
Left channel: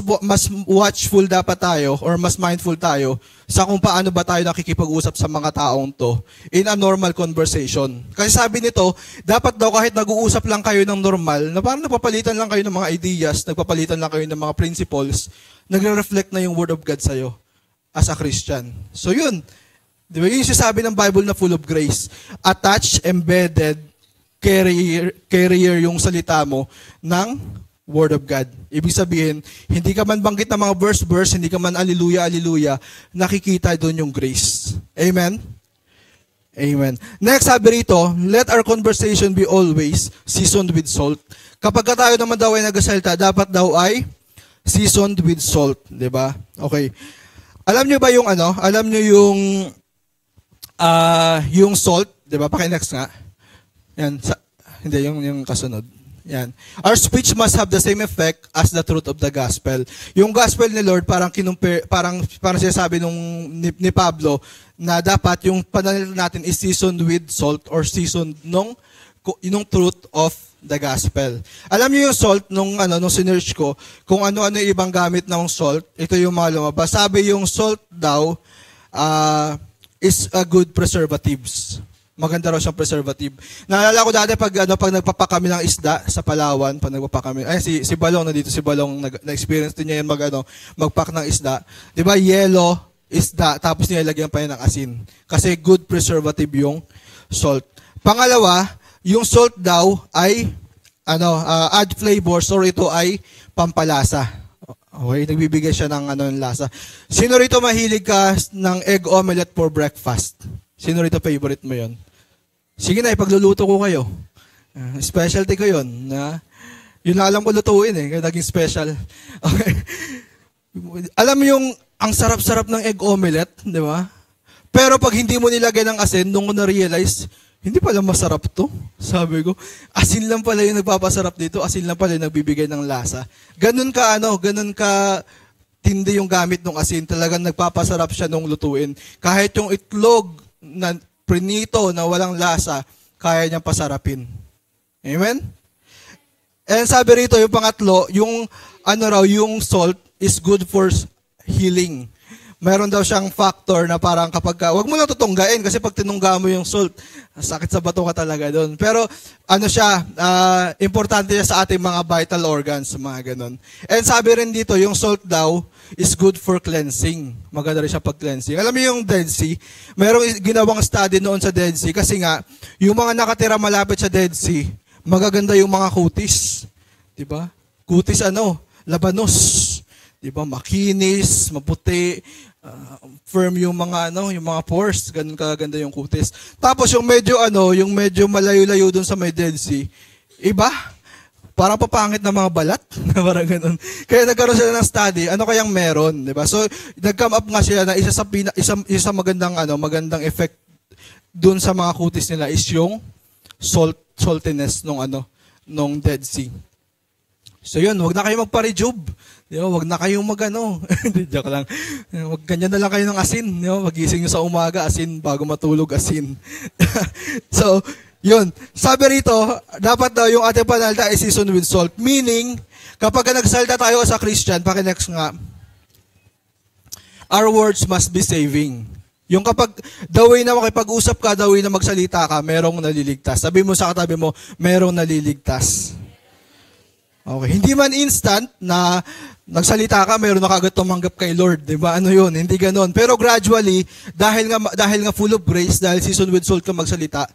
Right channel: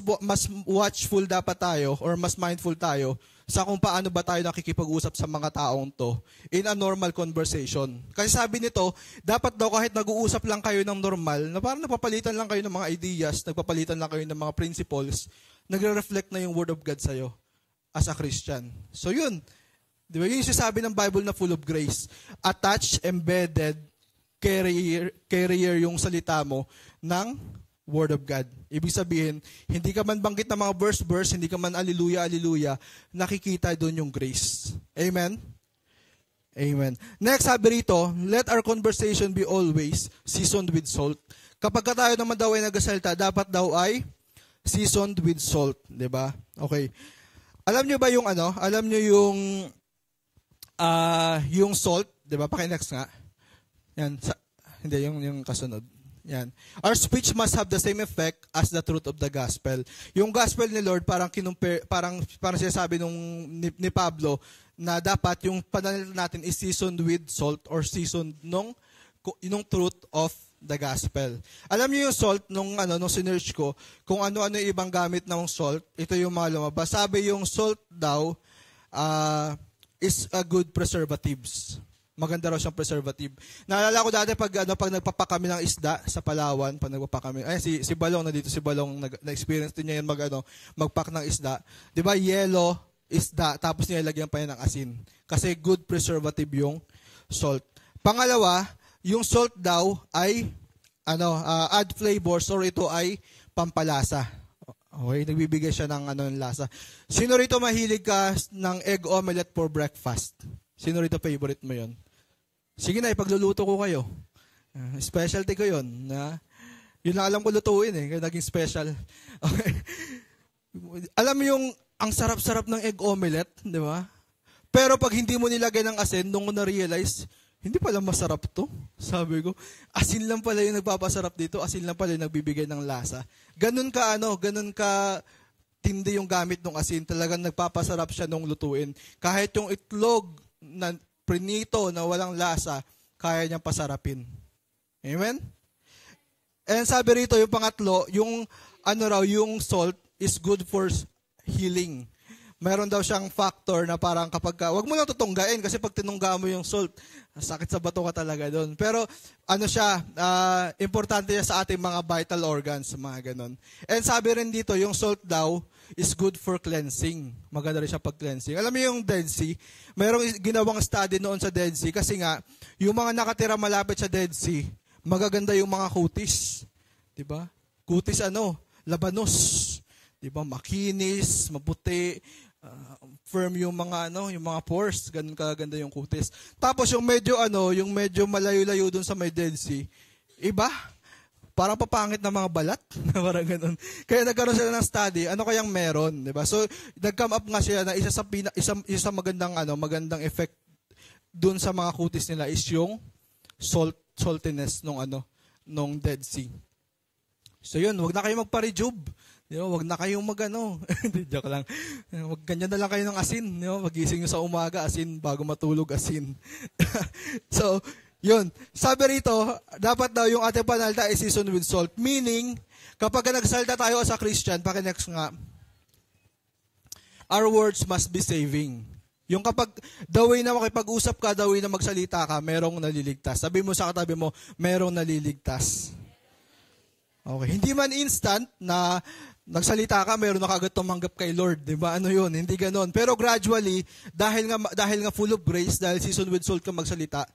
watchful dapat tayo or mas mindful tayo sa kung paano ba tayo nakikipag-usap sa mga taong to in a normal conversation. Kasi sabi nito, dapat daw kahit nag-uusap lang kayo ng normal, na parang napapalitan lang kayo ng mga ideas, nagpapalitan lang kayo ng mga principles, nagre-reflect na yung Word of God sa'yo as a Christian. So yun, di ba yung sinasabi ng Bible na full of grace, attached, embedded, carrier yung salita mo ng Word of God. Ibig sabihin, hindi ka man banggit ng mga verse, hindi ka man alleluia, nakikita doon yung grace. Amen? Amen. Next, sabi rito, let our conversation be always seasoned with salt. Kapag tayo naman daw ay nagsasalita, dapat daw ay seasoned with salt. Diba? Okay. Alam nyo ba yung salt? Diba? Paki-next nga. Yan. Hindi, yung kasunod. Yan. Our speech must have the same effect as the truth of the gospel. Yung gospel ni Lord parang sinasabi ni Pablo na dapat yung pananalita natin is seasoned with salt or seasoned nung truth of the gospel. Alam niyo yung salt nung sinearch ko, kung ano-ano yung ibang gamit ng salt, ito yung mga lumabas. Sabi yung salt daw is a good preservatives. Maganda raw siyang preservative. Naalala ko dati pag nagpapa kami ng isda sa Palawan, pag nagpapa kami, si Balong nandito, si Balong na-experience din niya yan magpack ng isda. 'Di ba? Yellow isda tapos nilalagyan pa yan ng asin. Kasi good preservative yung salt. Pangalawa, yung salt daw ay add flavors or ito ay pampalasa. Okay, nagbibigay siya ng lasa. Sino rito mahilig ka ng egg omelette for breakfast? Sino rito favorite mo 'yon? Sige na, ipagluluto ko kayo. Specialty ko yun. Yun na alam ko lutuin kaya naging special. Okay. Alam mo yung, ang sarap-sarap ng egg omelette, di ba? Pero pag hindi mo nilagay ng asin, nung ko na-realize, hindi pala masarap to. Sabi ko, asin lang pala yung nagpapasarap dito, asin lang pala yung nagbibigay ng lasa. Ganun ka tindi yung gamit ng asin, talagang nagpapasarap siya nung lutuin. Kahit yung itlog na prinito na walang lasa, kaya niyang pasarapin. Amen? And sabi rito, yung pangatlo, yung yung salt is good for healing. Meron daw siyang factor na parang wag mo lang tutunggain kasi pag tinungga mo yung salt, sakit sa bato ka talaga doon. Pero importante siya sa ating mga vital organs, mga ganun. And sabi rin dito, yung salt daw is good for cleansing. Maganda rin siya pag-cleansing. Alam mo yung Dead Sea, merong ginawang study noon sa Dead Sea kasi nga, yung mga nakatira malapit sa Dead Sea, magaganda yung mga kutis. Diba? Kutis labanos. Diba? Makinis, maputi, firm yung mga pores, ganun kaganda yung kutis. Tapos yung medyo malayo-layo dun sa may Dead Sea, iba, parang papangit na mga balat, parang ganun. Kaya nagkaroon sila ng study, ano kayang meron, di ba? So, nag-come up nga sila na isa sa magandang effect dun sa mga kutis nila is yung saltiness nung Dead Sea. So yun, wag na kayo magpa-rejuve. Di ba? Wag na kayong joke lang. Wag ganyan na lang kayo ng asin. Di ba? Magising nyo sa umaga, asin. Bago matulog, asin. So, yun. Sabi rito, dapat daw yung ating panalita ay seasoned with salt. Meaning, kapag nagsalita tayo sa Christian, paki-next nga, our words must be saving. Yung kapag the way na makipag-usap ka, the way na magsalita ka, merong naliligtas. Sabi mo sa katabi mo, merong naliligtas. Okay, hindi man instant na nagsalita ka, mayroon na kagad tumanggap kay Lord, 'di ba? Yun, hindi ganoon. Pero gradually, dahil nga full of grace, dahil seasoned with salt ka magsalita,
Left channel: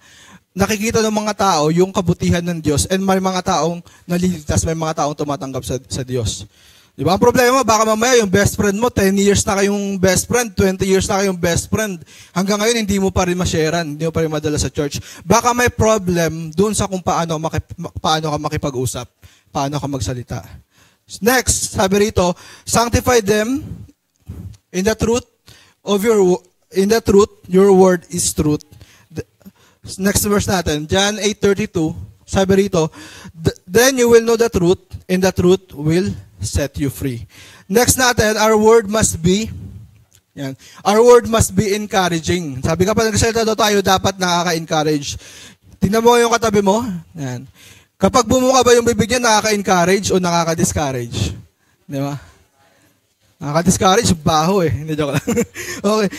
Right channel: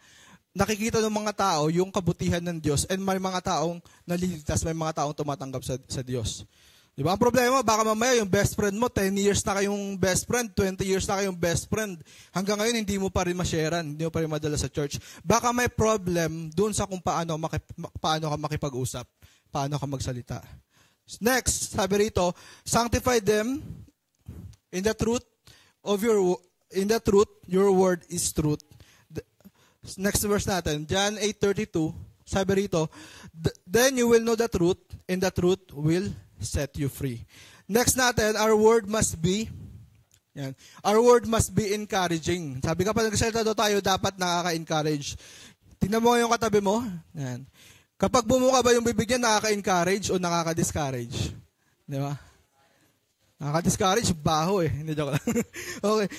nakikita ng mga tao yung kabutihan ng Diyos and may mga taong naliligtas, may mga taong tumatanggap sa Diyos. Di ba? Ang problema, baka mamaya yung best friend mo, 10 years na kayong best friend, 20 years na kayong best friend. Hanggang ngayon, hindi mo pa rin ma-sharean, hindi mo pa rin madala sa church. Baka may problem dun sa kung paano ka makipag-usap, paano ka magsalita. Next, sabi rito, sanctify them in the truth your word is truth. Next verse natin, John 8:32, sabi rito, then you will know the truth, and the truth will set you free. Next natin, our word must be encouraging. Sabi ka pa, nagsalita daw tayo, dapat nakaka-encourage. Tingnan mo yung katabi mo. Yan. Kapag bumuka ba yung bibig niya, nakaka-encourage o nakaka-discourage? Di ba? Nakaka-discourage, baho eh. Hindi, joke lang. Okay.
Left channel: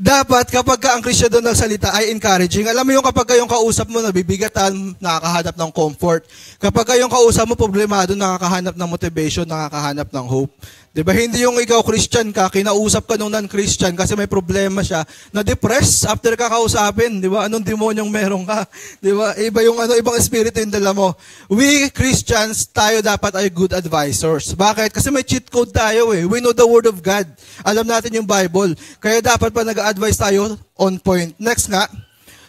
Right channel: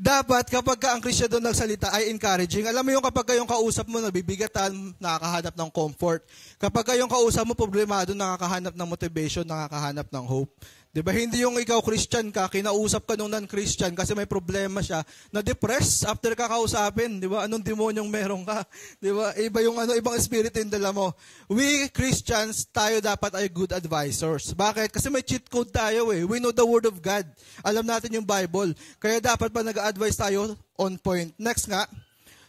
Dapat kapag ang Kristo doon nagsalita ay encouraging. Alam mo yung kapag yung kausap mo nabibigatan, nakakahanap ng comfort. Kapag yung kausap mo problemado, nakakahanap ng motivation, nakakahanap ng hope. Diba? Hindi yung ikaw Christian ka, kinausap ka nung non-Christian kasi may problema siya, na-depress after ka kausapin. Diba? Anong demonyong meron ka? Diba? Iba yung ibang espiritu yung dala mo. We Christians, tayo dapat ay good advisors. Bakit? Kasi may cheat code tayo eh. We know the Word of God. Alam natin yung Bible. Kaya dapat pa nag-advise tayo on point. Next nga,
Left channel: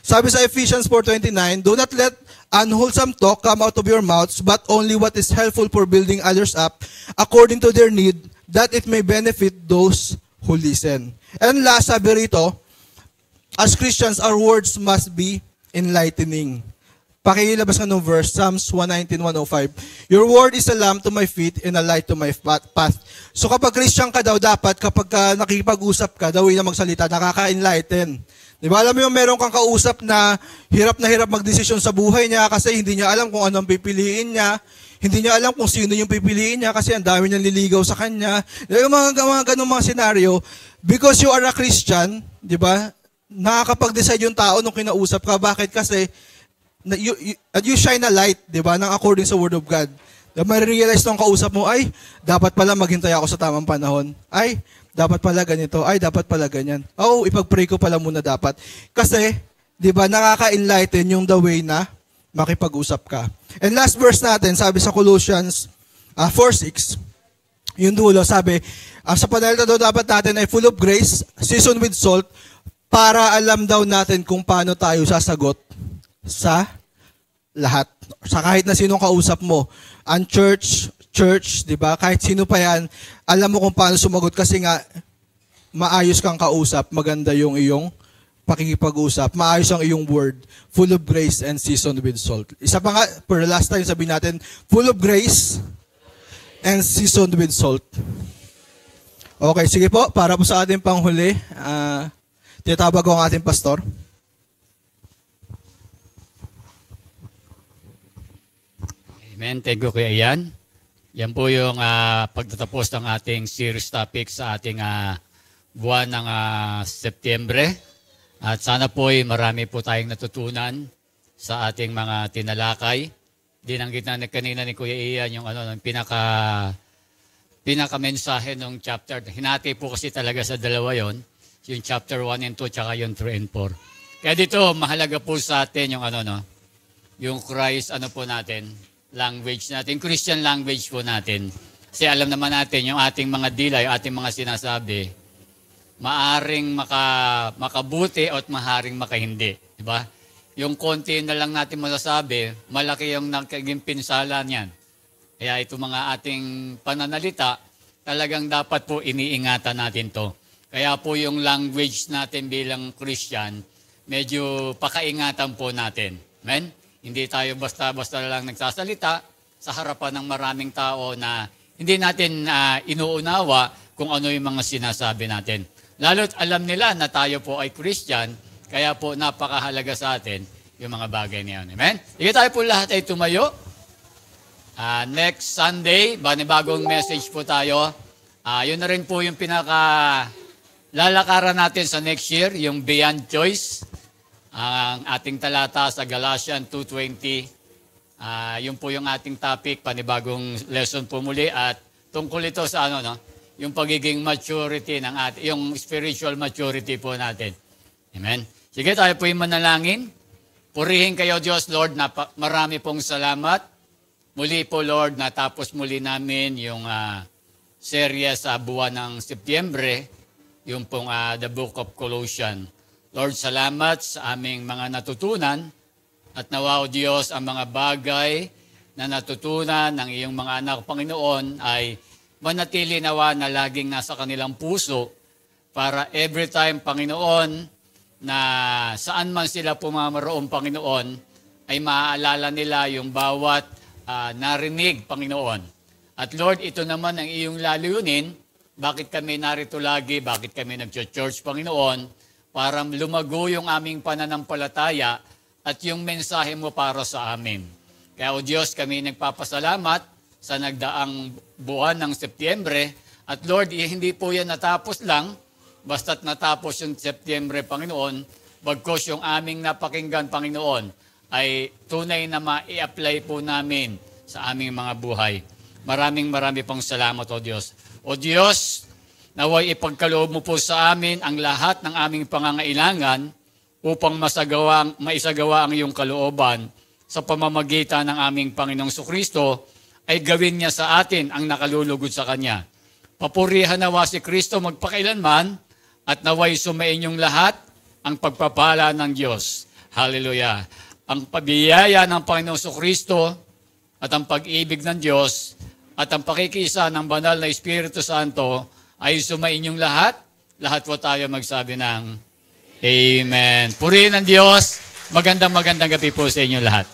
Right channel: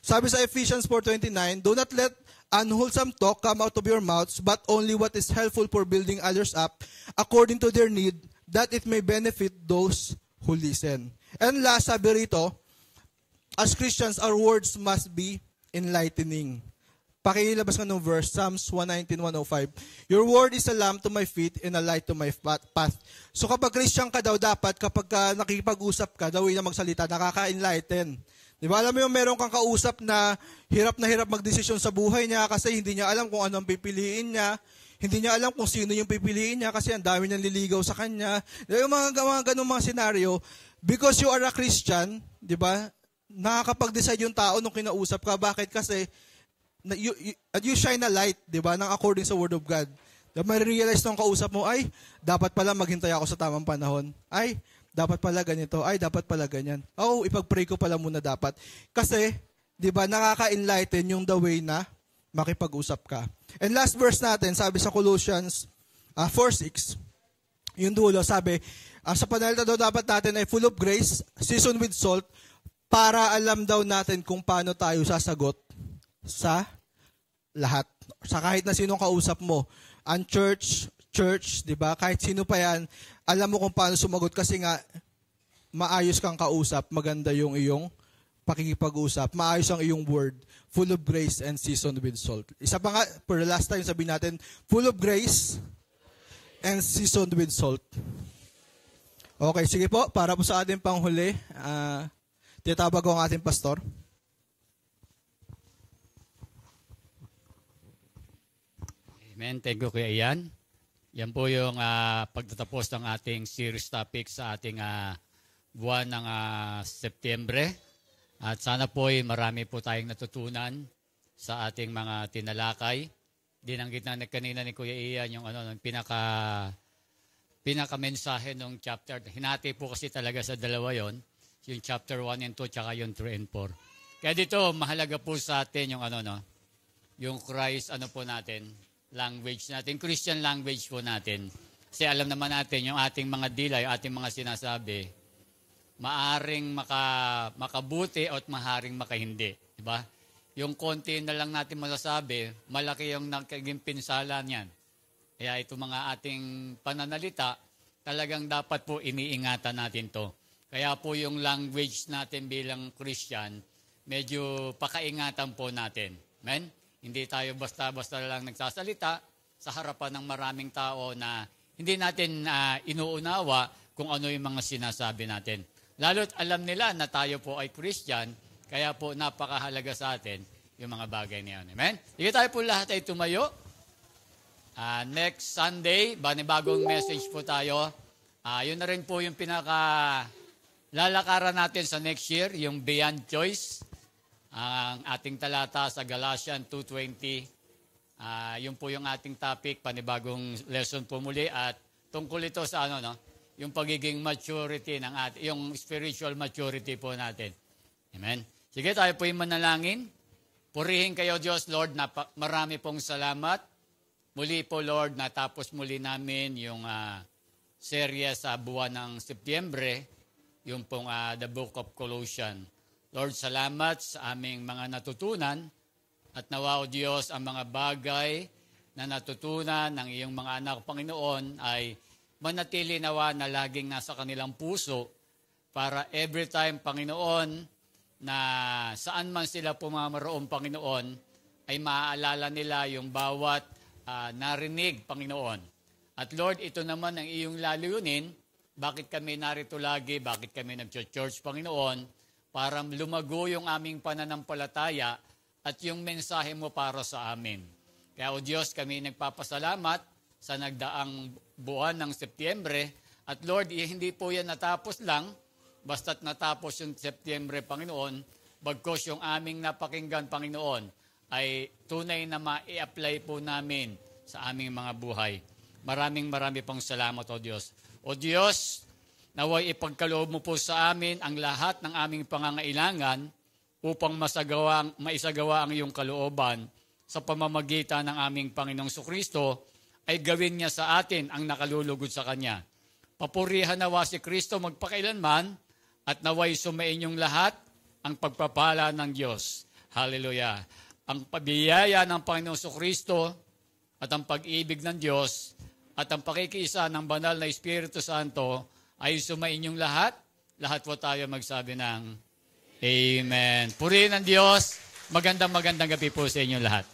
sabi sa Ephesians 4:29, do not let unwholesome talk come out of your mouths, but only what is helpful for building others up according to their need, that it may benefit those who listen. And last, sabi rito, as Christians, our words must be enlightening. Pakilabas ka ng verse, Psalms 119:105. Your word is a lamp to my feet and a light to my path. So kapag Christian ka daw, dapat kapag nakikipag-usap ka, daw na magsalita, nakaka-enlighten. Di ba? Alam mo yung meron kang kausap na hirap magdesisyon sa buhay niya kasi hindi niya alam kung anong pipiliin niya. Hindi niya alam kung sino yung pipiliin niya kasi ang dami niyang liligaw sa kanya. Yung mga ganung mga senaryo, because you are a Christian, di ba? Nakakapag-decide yung tao nung kinausap ka. Bakit? Kasi you shine a light, di ba? Nang according sa Word of God. Marirealize nung kausap mo, ay, dapat pala maghintay ako sa tamang panahon. Ay, dapat pala ganito. Ay, dapat pala ganyan. Oo, ipag-pray ko pala muna dapat. Kasi, di ba, nakaka-enlighten yung the way na makipag-usap ka. And last verse natin, sabi sa Colossians 4:6, yung dulo, sabi, sa panahon na daw dapat natin ay full of grace, seasoned with salt, para alam daw natin kung paano tayo sasagot sa lahat. Sa kahit na sinong kausap mo. Ang church, di ba? Kahit sino pa yan, alam mo kung paano sumagot kasi nga maayos kang kausap, maganda yung iyong pakikipag-usap, maayos ang iyong word, full of grace and seasoned with salt. Isa pa nga, for the last time sabihin natin, full of grace and seasoned with salt. Okay, sige po, para po sa ating panghuli, tinatawag ko ang ating pastor. Amen. Thank you, Kuya Ian. Yan po yung pagtatapos ng ating series topic sa ating buwan ng Setyembre. At sana po ay marami po tayong natutunan sa ating mga tinalakay. Dinanggit na kanina ni Kuya Ian yung pinaka-mensahe ng chapter. Hinati po kasi talaga sa dalawa yon, yung chapter 1 and 2 tsaka yung 3 and 4. Kaya dito mahalaga po sa atin yung yung Christ po natin, language natin, Christian language po natin. Kasi alam naman natin, yung ating mga dila, yung ating mga sinasabi, maaring makabuti at maaaring makahindi. Diba? Yung konti na lang natin masasabi, malaki yung nagiging pinsala niyan. Kaya ito mga ating pananalita, talagang dapat po iniingatan natin to. Kaya po yung language natin bilang Christian, medyo pakaingatan po natin. Amen? Hindi tayo basta-basta lang nagsasalita sa harapan ng maraming tao na hindi natin inuunawa kung ano yung mga sinasabi natin. Lalo't alam nila na tayo po ay Christian, kaya po napakahalaga sa atin yung mga bagay niyan. Amen? Sige tayo po lahat ay tumayo. Next Sunday, bagong message po tayo. Yun na rin po yung lalakaran natin sa next year, yung Beyond Choice. Ang ating talata sa Galatians 2:20, yun po yung ating topic, panibagong lesson po muli at tungkol ito sa yung pagiging maturity ng yung spiritual maturity po natin. Amen. Sige, tayo po yung manalangin. Purihin kayo Diyos, Lord, na marami pong salamat. Muli po, Lord, natapos muli namin yung serye sa buwan ng Setyembre, yung pong The Book of Colossians. Lord, salamat sa aming mga natutunan at nawa, O Diyos, ang mga bagay na natutunan ng iyong mga anak, Panginoon, ay manatili nawa na laging nasa kanilang puso para every time, Panginoon, na saan man sila pumamaroon, Panginoon, ay maaalala nila yung bawat narinig, Panginoon. At Lord, ito naman ang iyong layunin, bakit kami narito lagi, bakit kami nag-church, Panginoon, para lumago yung aming pananampalataya at yung mensahe mo para sa amin. Kaya, O Diyos, kami nagpapasalamat sa nagdaang buwan ng Setyembre. At Lord, hindi po yan natapos lang, basta't natapos yung Setyembre, Panginoon, bagkos yung aming napakinggan, Panginoon, ay tunay na ma-i-apply po namin sa aming mga buhay. Maraming pong salamat, O Diyos. O Diyos, naway ipagkaloob mo po sa amin ang lahat ng aming pangangailangan upang maisagawa ang iyong kalooban sa pamamagitan ng aming Panginoong Kristo ay gawin niya sa atin ang nakalulugod sa Kanya. Papurihan nawa si Kristo magpakailanman at naway sumainyong lahat ang pagpapala ng Diyos. Hallelujah. Ang pabiyaya ng Panginoong Kristo at ang pag-ibig ng Diyos at ang pakikiisa ng banal na Espiritu Santo ay sumainyong lahat. Lahat po tayo magsabi ng Amen. Purihin ang Diyos. Magandang gabi po sa inyo lahat.